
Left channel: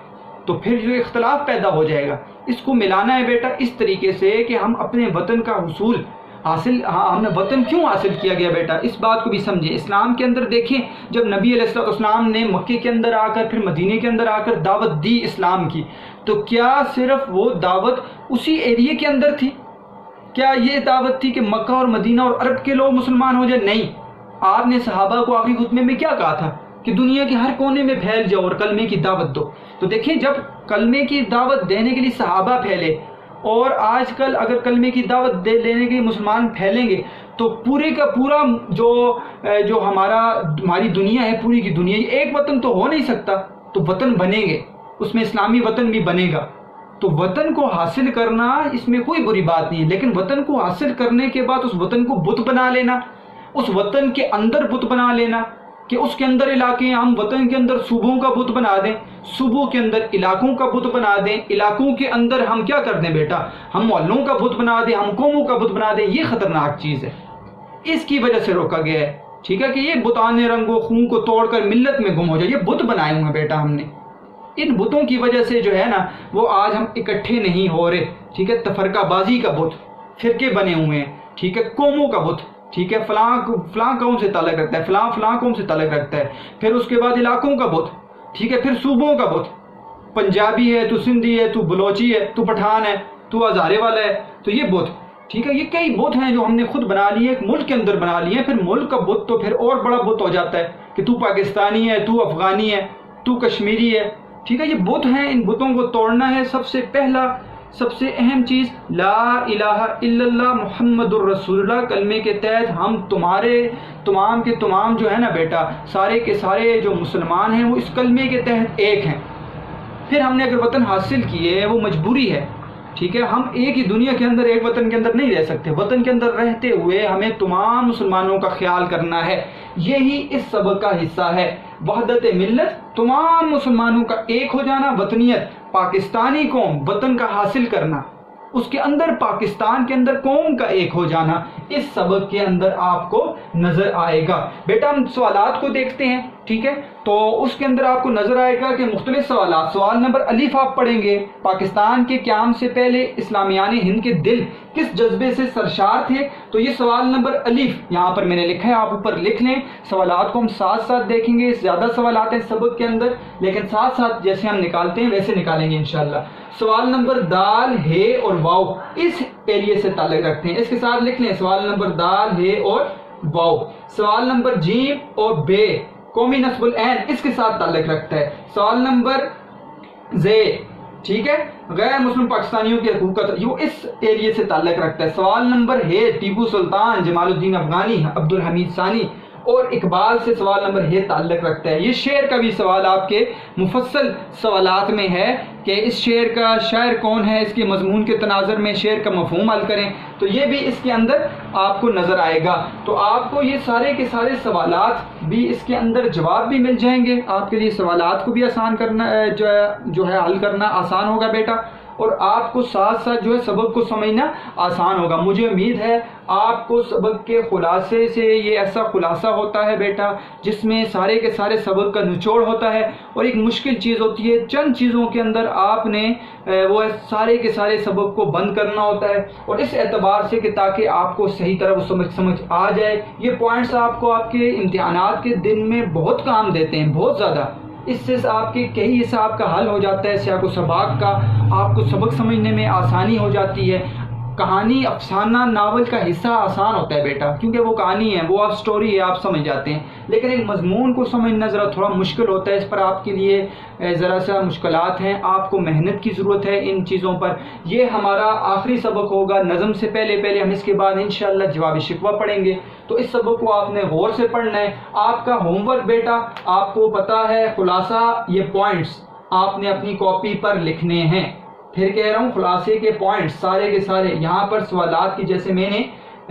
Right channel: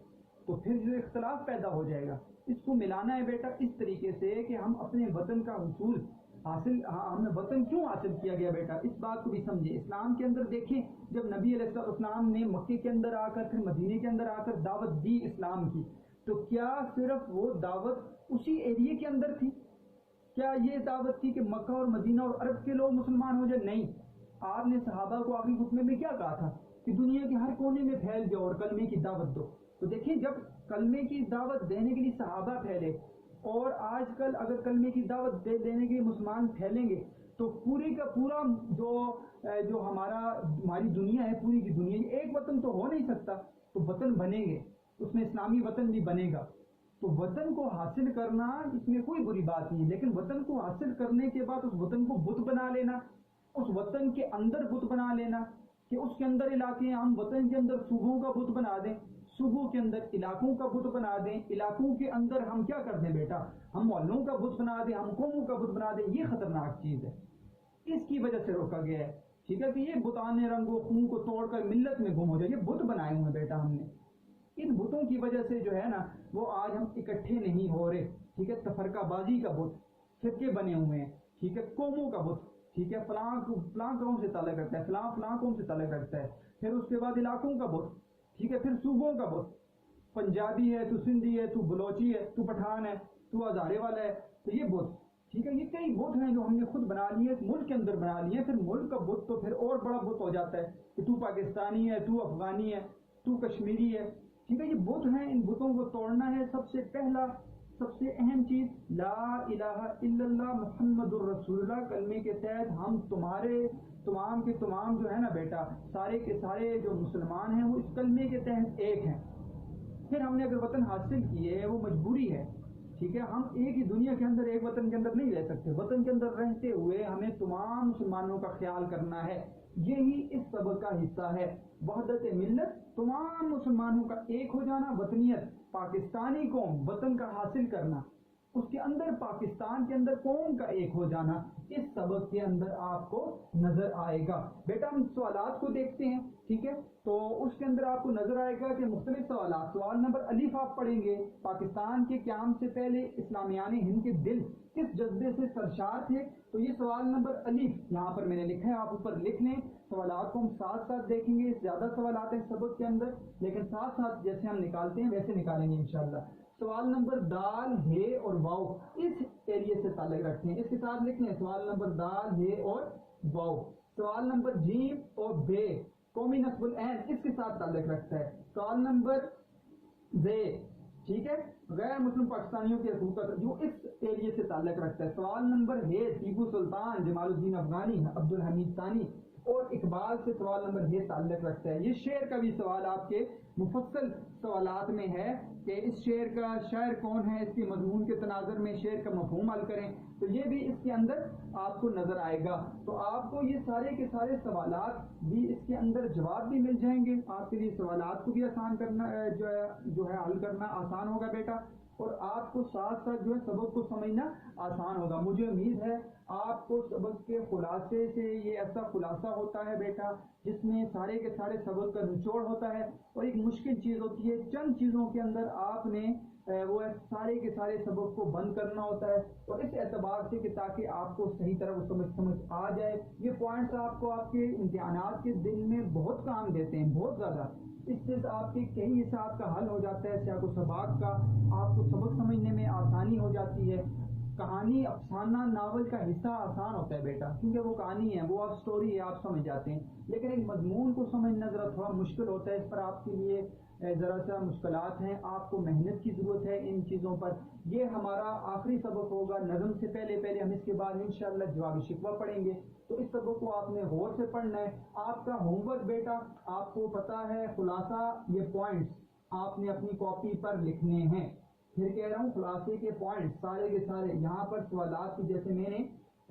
تو پھر جو اختلاف پیدا ہو جائے گا۔ اس کو ملانا ہے بیٹا اس طریقے سے کہ ہم اپنے وطن کا حصول حاصل، ہم نے وطن کیوں حاصل کیا گیا بیٹا، اس بات کو بھی سمجھیں۔ اسلام کے اندر دیکھیں، جب نبی علیہ السلام نے مکے کے اندر آ کر، پھر مدینے کے اندر آ کر دعوت دی اسلام کی، تو کیا صرف وہ دعوت اسی ایریے کے اندر تھی؟ کیا یہ دعوت تھی کہ مکہ اور مدینہ اور عرب کے لوگ مسلمان ہو جائیں؟ نہیں، آپ نے صحابہ کو آخری خطبے میں کیا کہا تھا کہ دنیا کے ہر کونے میں پھیل جاؤ اور کلمے کی دعوت دو۔ تو دیکھیں، جب کلمے کی دعوت دینے کے لیے صحابہ پھیلے، اور آج کل اگر کلمے کی دعوت دینے کے لیے مسلمان پھیلیں گے، تو پورے کا پورا جو ہماری دنیا ہے، پوری کی دنیا، یہ ایک وطن تو ہو نہیں سکتا، تو وطن بنیں گے، اس میں اسلامی وطن بھی بنے گا۔ تو وطن کو حاصل کرنا، اس میں کوئی بری بات نہیں ہے، لیکن وطن کو حاصل کرنے کے بعد اس وطن کو بت بنا لینا، اس وطن کے اندر بت بنا لینا، کہ اس کے اندر علاقے ہیں، ہم وطن کے اندر صوبوں کا بت بنا دیں، صوبوں کے اندر علاقوں کا بت بنا دیں، علاقوں کے اندر ہم کیا کر دیں بیٹا، ہم محلوں کا بت بنا دیں، ہم قوموں کا بت بنا دیں، یہ خطرناک چیز ہے، اس کی وجہ سے روکا گیا ہے، ٹھیک ہے، کہ یہ بتانے رنگ و خون کو توڑ کر ملت میں گم ہو جائے، یہ بت بنائے ہوئے بیٹا ہم نے، ان بتوں کی وجہ سے جو ہے نا وہ آج ہم اکٹھے نہیں ہو رہے، ٹھیک ہے، تفرقہ بازی کا بت، فرقے بنے ہوئے ہیں، ٹھیک ہے، قوموں کا بت، ٹھیک ہے، فلاں قوم سے تعلق رکھتا ہے، فلاں قوم سے تعلق رکھتا ہے، پھر اس کے بعد علاقوں کا بت، ٹھیک ہے، پھر صوبوں کا بت، پنجابی ہے تو سندھی ہے تو بلوچی ہے تو پٹھان ہے تو ہزارے والا ہے، تو یہ بت، ٹھیک ہے، یہ کئی بت ہیں جو ہم نے خود بنا لیے، ایک ملک کے اندر بنا لیے ہیں، پھر ملک کا بت تو پھر اور بڑا بت ہو جاتا ہے کہ تو پاکستانی ہے، تو افغانی ہے، تو کشمیری ہے، ٹھیک ہے، یہ بت ہیں، ان بتوں کو توڑنا ہے۔ سب سے پہلا سب سے اہم چیز لا الہ الا اللہ محمد الرسول اللہ کلمے کے تحت ہم تمہارے تمام کے تمام جو ہے نا بیٹا، سارے کے سارے جو مسلمان ہیں وہ اس کلمے کے تحت ایک ہیں۔ پھر ہم نے اگر وطن حاصل کیے ہے وہ مجبوری ہے، ٹھیک ہے، ہم ایک ہی دنیا کے اندر ایک وطن کے اندر نہیں رہ سکتے، وطن کے اندر رہتے ہوئے ہمیں تمام مسلمانوں کا خیال کرنا ہے، یہی اس سبق کا حصہ ہے۔ وحدت ملت، تمام مسلمانوں کا ایک ہو جانا، وطنیت، پاکستانی قوم، وطن کا حاصل کرنا، اس کے اندر پاکستان کے اندر قوم کا ایک ہو جانا، اس سبق کے اندر آپ کو نظر آئے گا۔ بیٹا ہم سوالات کو دیکھتے ہیں، ٹھیک ہے، تو اس کے اندر آپ کو نظر آئے گا کہ مختلف سوالات۔ سوال نمبر الف آپ پڑھیں گے، پاکستان کے قیام سے پہلے اسلامیان ہند کے دل کس جذبے سے سرشار تھے؟ تو یہ سوال نمبر الف یہاں پر میں نے لکھا ہے، آپ اوپر لکھ لیں۔ سوالات کو ہم ساتھ ساتھ دیکھیں گے، زیادہ سوالات ہیں سبق کے اندر، لیکن ساتھ ساتھ جیسے ہم نکالتے ہیں ویسے نکالیں گے انشاءاللہ۔ سوال نمبر دال، ہے اور واو اس ایریے سے تعلق رکھتے ہیں، اس کے ساتھ لکھ لیں سوال نمبر دال، ہے اور واو۔ سوال نمبر جیم اور بے قومی نصب العین اس کے ساتھ تعلق رکھتا ہے۔ سوال نمبر زے، ٹھیک ہے، غیر مسلم پاکستانیوں کی حقوقت، یہ اس ایریے سے تعلق رکھتا ہے۔ سوال نمبر ہے ٹیپو سلطان، جمال الدین افغانی، عبد الحمید ثانی اور اقبال سے سوال نمبر ہے تعلق رکھتا ہے۔ یہ شعر کا بھی سوال آپ کے مفصل سوالات میں ہے کہ اس شعر کا شاعر کون ہے، اس کے مضمون کے تناظر میں شعر کا مفہوم حل کریں، تو یہ بھی اس کے اندر آپ کو نظر آئے گا۔ تو آپ کو یہ سارے کے سارے سوالات بھی اس کے اندر جواب بھی مل جائیں گے، آپ کے لیے سوالات کو بھی آسان کرنا جو ہے حل کرنا آسان ہوگا بیٹا، اور آپ کو ساتھ ساتھ جو ہے سبق کو سمجھنا آسان ہوگا۔ مجھے امید ہے آپ کو سبق کے خلاصے سے، یہ ایسا خلاصہ ہوتا ہے بیٹا جس میں سارے کے سارے سبق کا نچوڑ ہوتا ہے، اور ایک مشکل چیز ہوتی ہے، چند چیزوں کے اندر آپ نے وہ سارے کے سارے سبق کو بند کرنا ہوتا ہے، اور اس اعتبار سے کہ تاکہ آپ کو صحیح طرح وہ سمجھ آ جائے۔ یہ پوائنٹس آپ کو آپ کے امتحانات کے دن میں بہت کام دیتے ہیں، بہت زیادہ، اس سے آپ کے کئی حساب کا حل ہو جاتا ہے، سیاق و سباق کا آپ کو سبق سمجھنے میں آسانی ہو جاتی ہے۔ کہانی، افسانہ، ناول کا حصہ آسان ہوتا ہے بیٹا، کیونکہ وہ کہانی ہے، وہ آپ سٹوری ہے، آپ سمجھ جاتے ہیں، لیکن ایک مضمون کو سمجھنا ذرا تھوڑا مشکل ہوتا ہے، اس پر آپ کے لیے ذرا سا مشکلات ہیں، آپ کو محنت کی ضرورت ہے ان چیزوں پر۔ یہ ہمارا آخری سبق ہوگا نظم سے پہلے ہم اس کے بعد انشاءاللہ جواب شکوہ پڑھیں گے، تو اس سبق کو آپ نے غور سے پڑھنا ہے۔ آپ کا ہوم ورک بیٹا آپ کو پتا ہے، خلاصہ یہ پوائنٹس آپ نے اپنی کاپی پر لکھنے ہیں، پھر کہہ رہا ہوں خلاصے کے پوائنٹس سارے کے سارے یہاں پر سوالات کی جیسے میں نے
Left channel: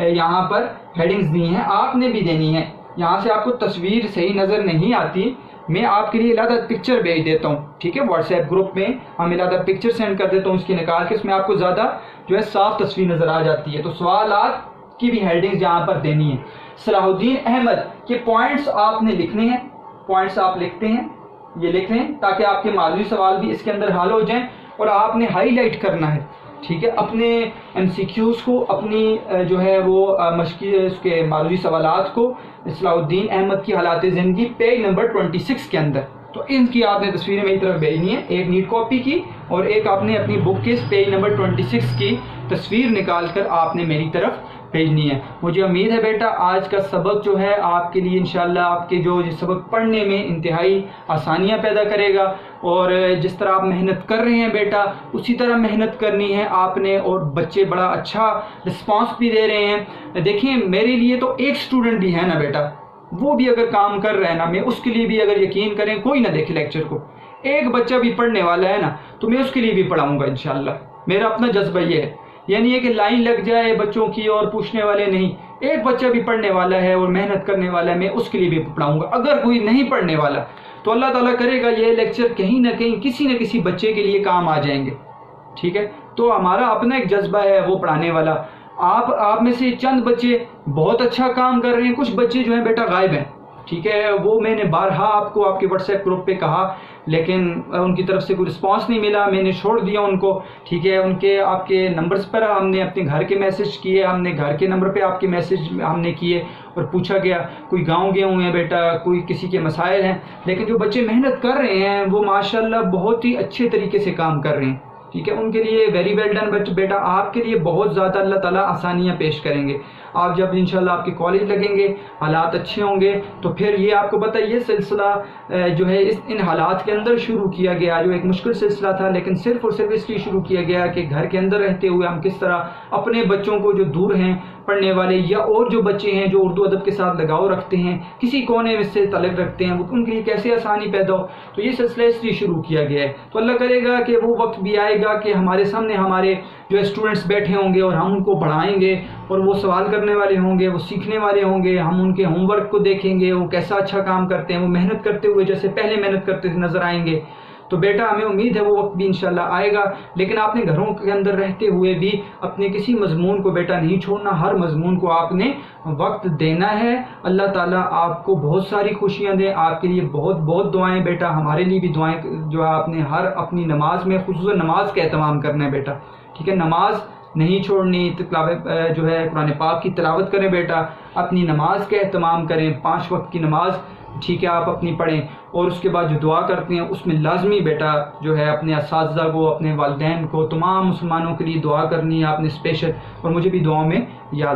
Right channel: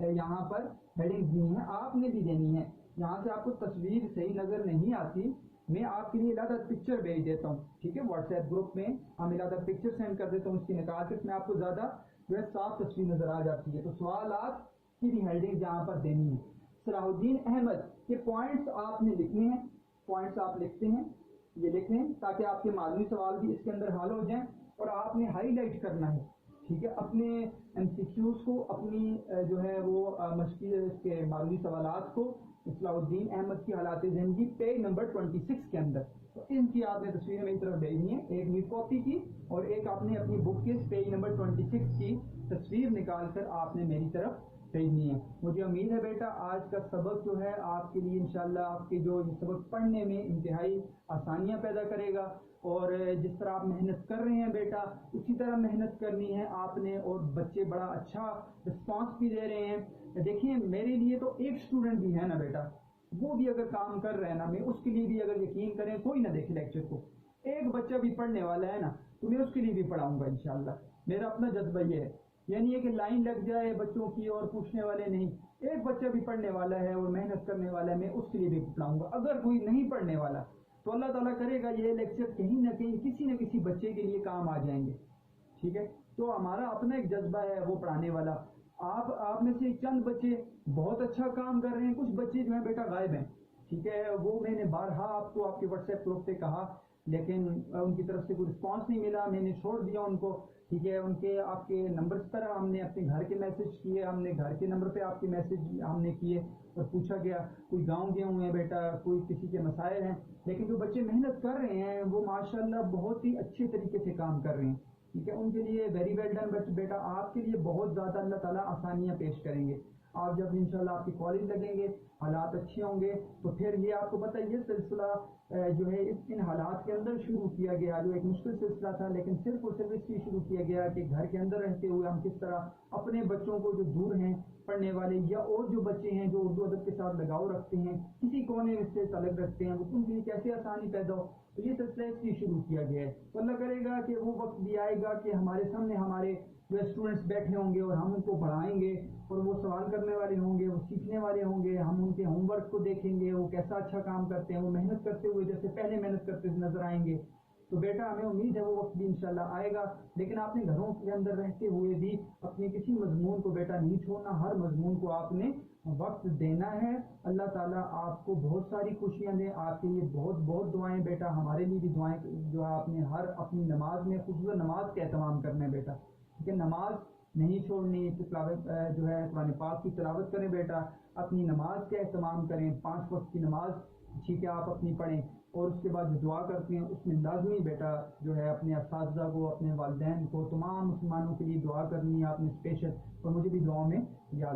یہاں پر ہیڈنگز دی ہیں آپ نے بھی دینی ہے۔ یہاں سے آپ کو تصویر صحیح نظر نہیں آتی، میں آپ کے لیے علیحدہ پکچر بھیج دیتا ہوں، ٹھیک ہے، واٹس ایپ گروپ میں ہم علیحدہ پکچر سینڈ کر دیتا ہوں اس کی نکال کے، اس میں آپ کو زیادہ جو ہے صاف تصویر نظر آ جاتی ہے۔ تو سوالات کی بھی ہیڈنگز یہاں پر دینی ہے۔ صلاح الدین احمد کے پوائنٹس آپ نے لکھنے ہیں، پوائنٹس آپ لکھتے ہیں، یہ لکھ لیں تاکہ آپ کے معلومی سوال بھی اس کے اندر حل ہو جائیں، اور آپ نے ہائی لائٹ کرنا ہے، ٹھیک ہے، اپنے ایم سی کیوز کو، اپنی جو ہے وہ مشقی اس کے معلومی سوالات کو صلاح الدین احمد کی حالات زندگی پیج نمبر 26 کے اندر، تو ان کی آپ نے تصویریں میری طرف بھیجنی ہے، ایک نیٹ کاپی کی اور ایک آپ نے اپنی بک کے پیج نمبر 26 کی تصویر نکال کر آپ نے میری طرف بھیجنی ہے۔ مجھے امید ہے بیٹا آج کا سبق جو ہے آپ کے لیے انشاءاللہ آپ کے جو سبق پڑھنے میں انتہائی آسانیاں پیدا کرے گا، اور جس طرح آپ محنت کر رہے ہیں بیٹا اسی طرح محنت کرنی ہے آپ نے، اور بچے بڑا اچھا رسپانس بھی دے رہے ہیں۔ دیکھیں میرے لیے تو ایک سٹوڈنٹ بھی ہے نا بیٹا، وہ بھی اگر کام کر رہا ہے نا، میں اس کے لیے بھی اگر یقین کریں، کوئی نہ دیکھے لیکچر کو، ایک بچہ بھی پڑھنے والا ہے نا تو میں اس کے لیے بھی پڑھاؤں گا انشاءاللہ، میرا اپنا جذبہ یہ ہے، یعنی یہ کہ لائن لگ جائے بچوں کی اور پوچھنے والے نہیں، ایک بچہ بھی پڑھنے والا ہے اور محنت کرنے والا ہے میں اس کے لیے بھی پڑھاؤں گا۔ اگر کوئی نہیں پڑھنے والا تو اللہ تعالیٰ کرے گا یہ لیکچر کہیں نہ کہیں کسی نہ کسی بچے کے لیے کام آ جائیں گے، ٹھیک ہے، تو ہمارا اپنا ایک جذبہ ہے وہ پڑھانے والا۔ آپ میں سے چند بچے بہت اچھا کام کر رہے ہیں، کچھ بچے جو ہیں بیٹا غائب ہیں، ٹھیک ہے، وہ میں نے بارہا آپ کو آپ کے واٹس ایپ گروپ پہ کہا، لیکن ان کی طرف سے کوئی رسپانس نہیں ملا، میں نے چھوڑ دیا ان کو، ٹھیک ہے، ان کے آپ کے نمبرز پر ہم نے اپنے گھر کے میسج کیے، ہم نے گھر کے نمبر پہ آپ کے میسج ہم نے کیے اور پوچھا گیا، کوئی گاؤں گئے ہوئے ہیں بیٹا، کوئی کسی کے مسائل ہیں، لیکن جو بچے محنت کر رہے ہیں وہ ماشاءاللہ بہت ہی اچھے طریقے سے کام کر رہے ہیں، ٹھیک ہے، ان کے لیے ویری ویل ڈن بیٹا، آپ کے لیے بہت زیادہ اللہ تعالیٰ آسانیاں پیش کریں گے. آپ جب انشاءاللہ آپ کے کالج لگیں گے، حالات اچھے ہوں گے، تو پھر یہ آپ کو پتہ یہ سلسلہ جو ہے ان حالات کے اندر شروع کیا گیا، جو ایک مشکل سلسلہ تھا، لیکن صرف اور صرف اس لیے شروع کیا گیا کہ گھر کے اندر رہتے ہوئے ہم کس طرح اپنے بچوں کو جو دور ہیں پڑھنے والے یا اور جو بچے ہیں جو اردو ادب کے ساتھ لگاؤ رکھتے ہیں، کسی کونے میں سے تعلق رکھتے ہیں، ان کے لیے کیسے آسانی پیدا ہو. تو یہ سلسلہ اس لیے شروع کیا گیا ہے. تو اللہ کرے گا کہ وہ وقت بھی آئے گا کہ ہمارے سامنے ہمارے جو اسٹوڈنٹس بیٹھے ہوں گے اور ہم ان کو پڑھائیں گے، اور وہ سوال کرنے والے ہوں گے، وہ سیکھنے والے ہوں گے. ہم ان کے ہوم ورک کو دیکھیں گے، وہ کیسا اچھا کام کرتے ہیں، وہ محنت کرتے ہوئے جیسے پہلے محنت کرتے نظر آئیں گے. تو بیٹا ہمیں امید ہے وہ وقت بھی انشاءاللہ آئے گا، لیکن آپ نے گھروں کے اندر رہتے ہوئے بھی اپنے کسی مضمون کو بیٹا نہیں چھوڑنا. ہر مضمون کو آپ نے وقت دینا ہے. اللہ تعالیٰ آپ کو بہت ساری خوشیاں دیں. آپ کے لیے بہت بہت دعائیں بیٹا، ہمارے لیے بھی دعائیں جو آپ نے ہر اپنی نماز میں خصوصاً نماز کا اہتمام کرنا ہے بیٹا. ٹھیک ہے، نماز نہیں چھوڑنی. جو ہے قرآن پاک کی تلاوت کریں بیٹا، اپنی نماز کا اہتمام کریں. 5 وقت کی نماز ٹھیک ہے آپ اپنی پڑھیں، اور اس کے بعد جو دعا کرتے ہیں اس میں لازمی بیٹا جو ہے اپنے اساتذہ کو، اپنے والدین کو، تمام مسلمانوں کے لیے دعا کرنی ہے آپ نے اسپیشل، اور مجھے بھی دعاؤں میں یاد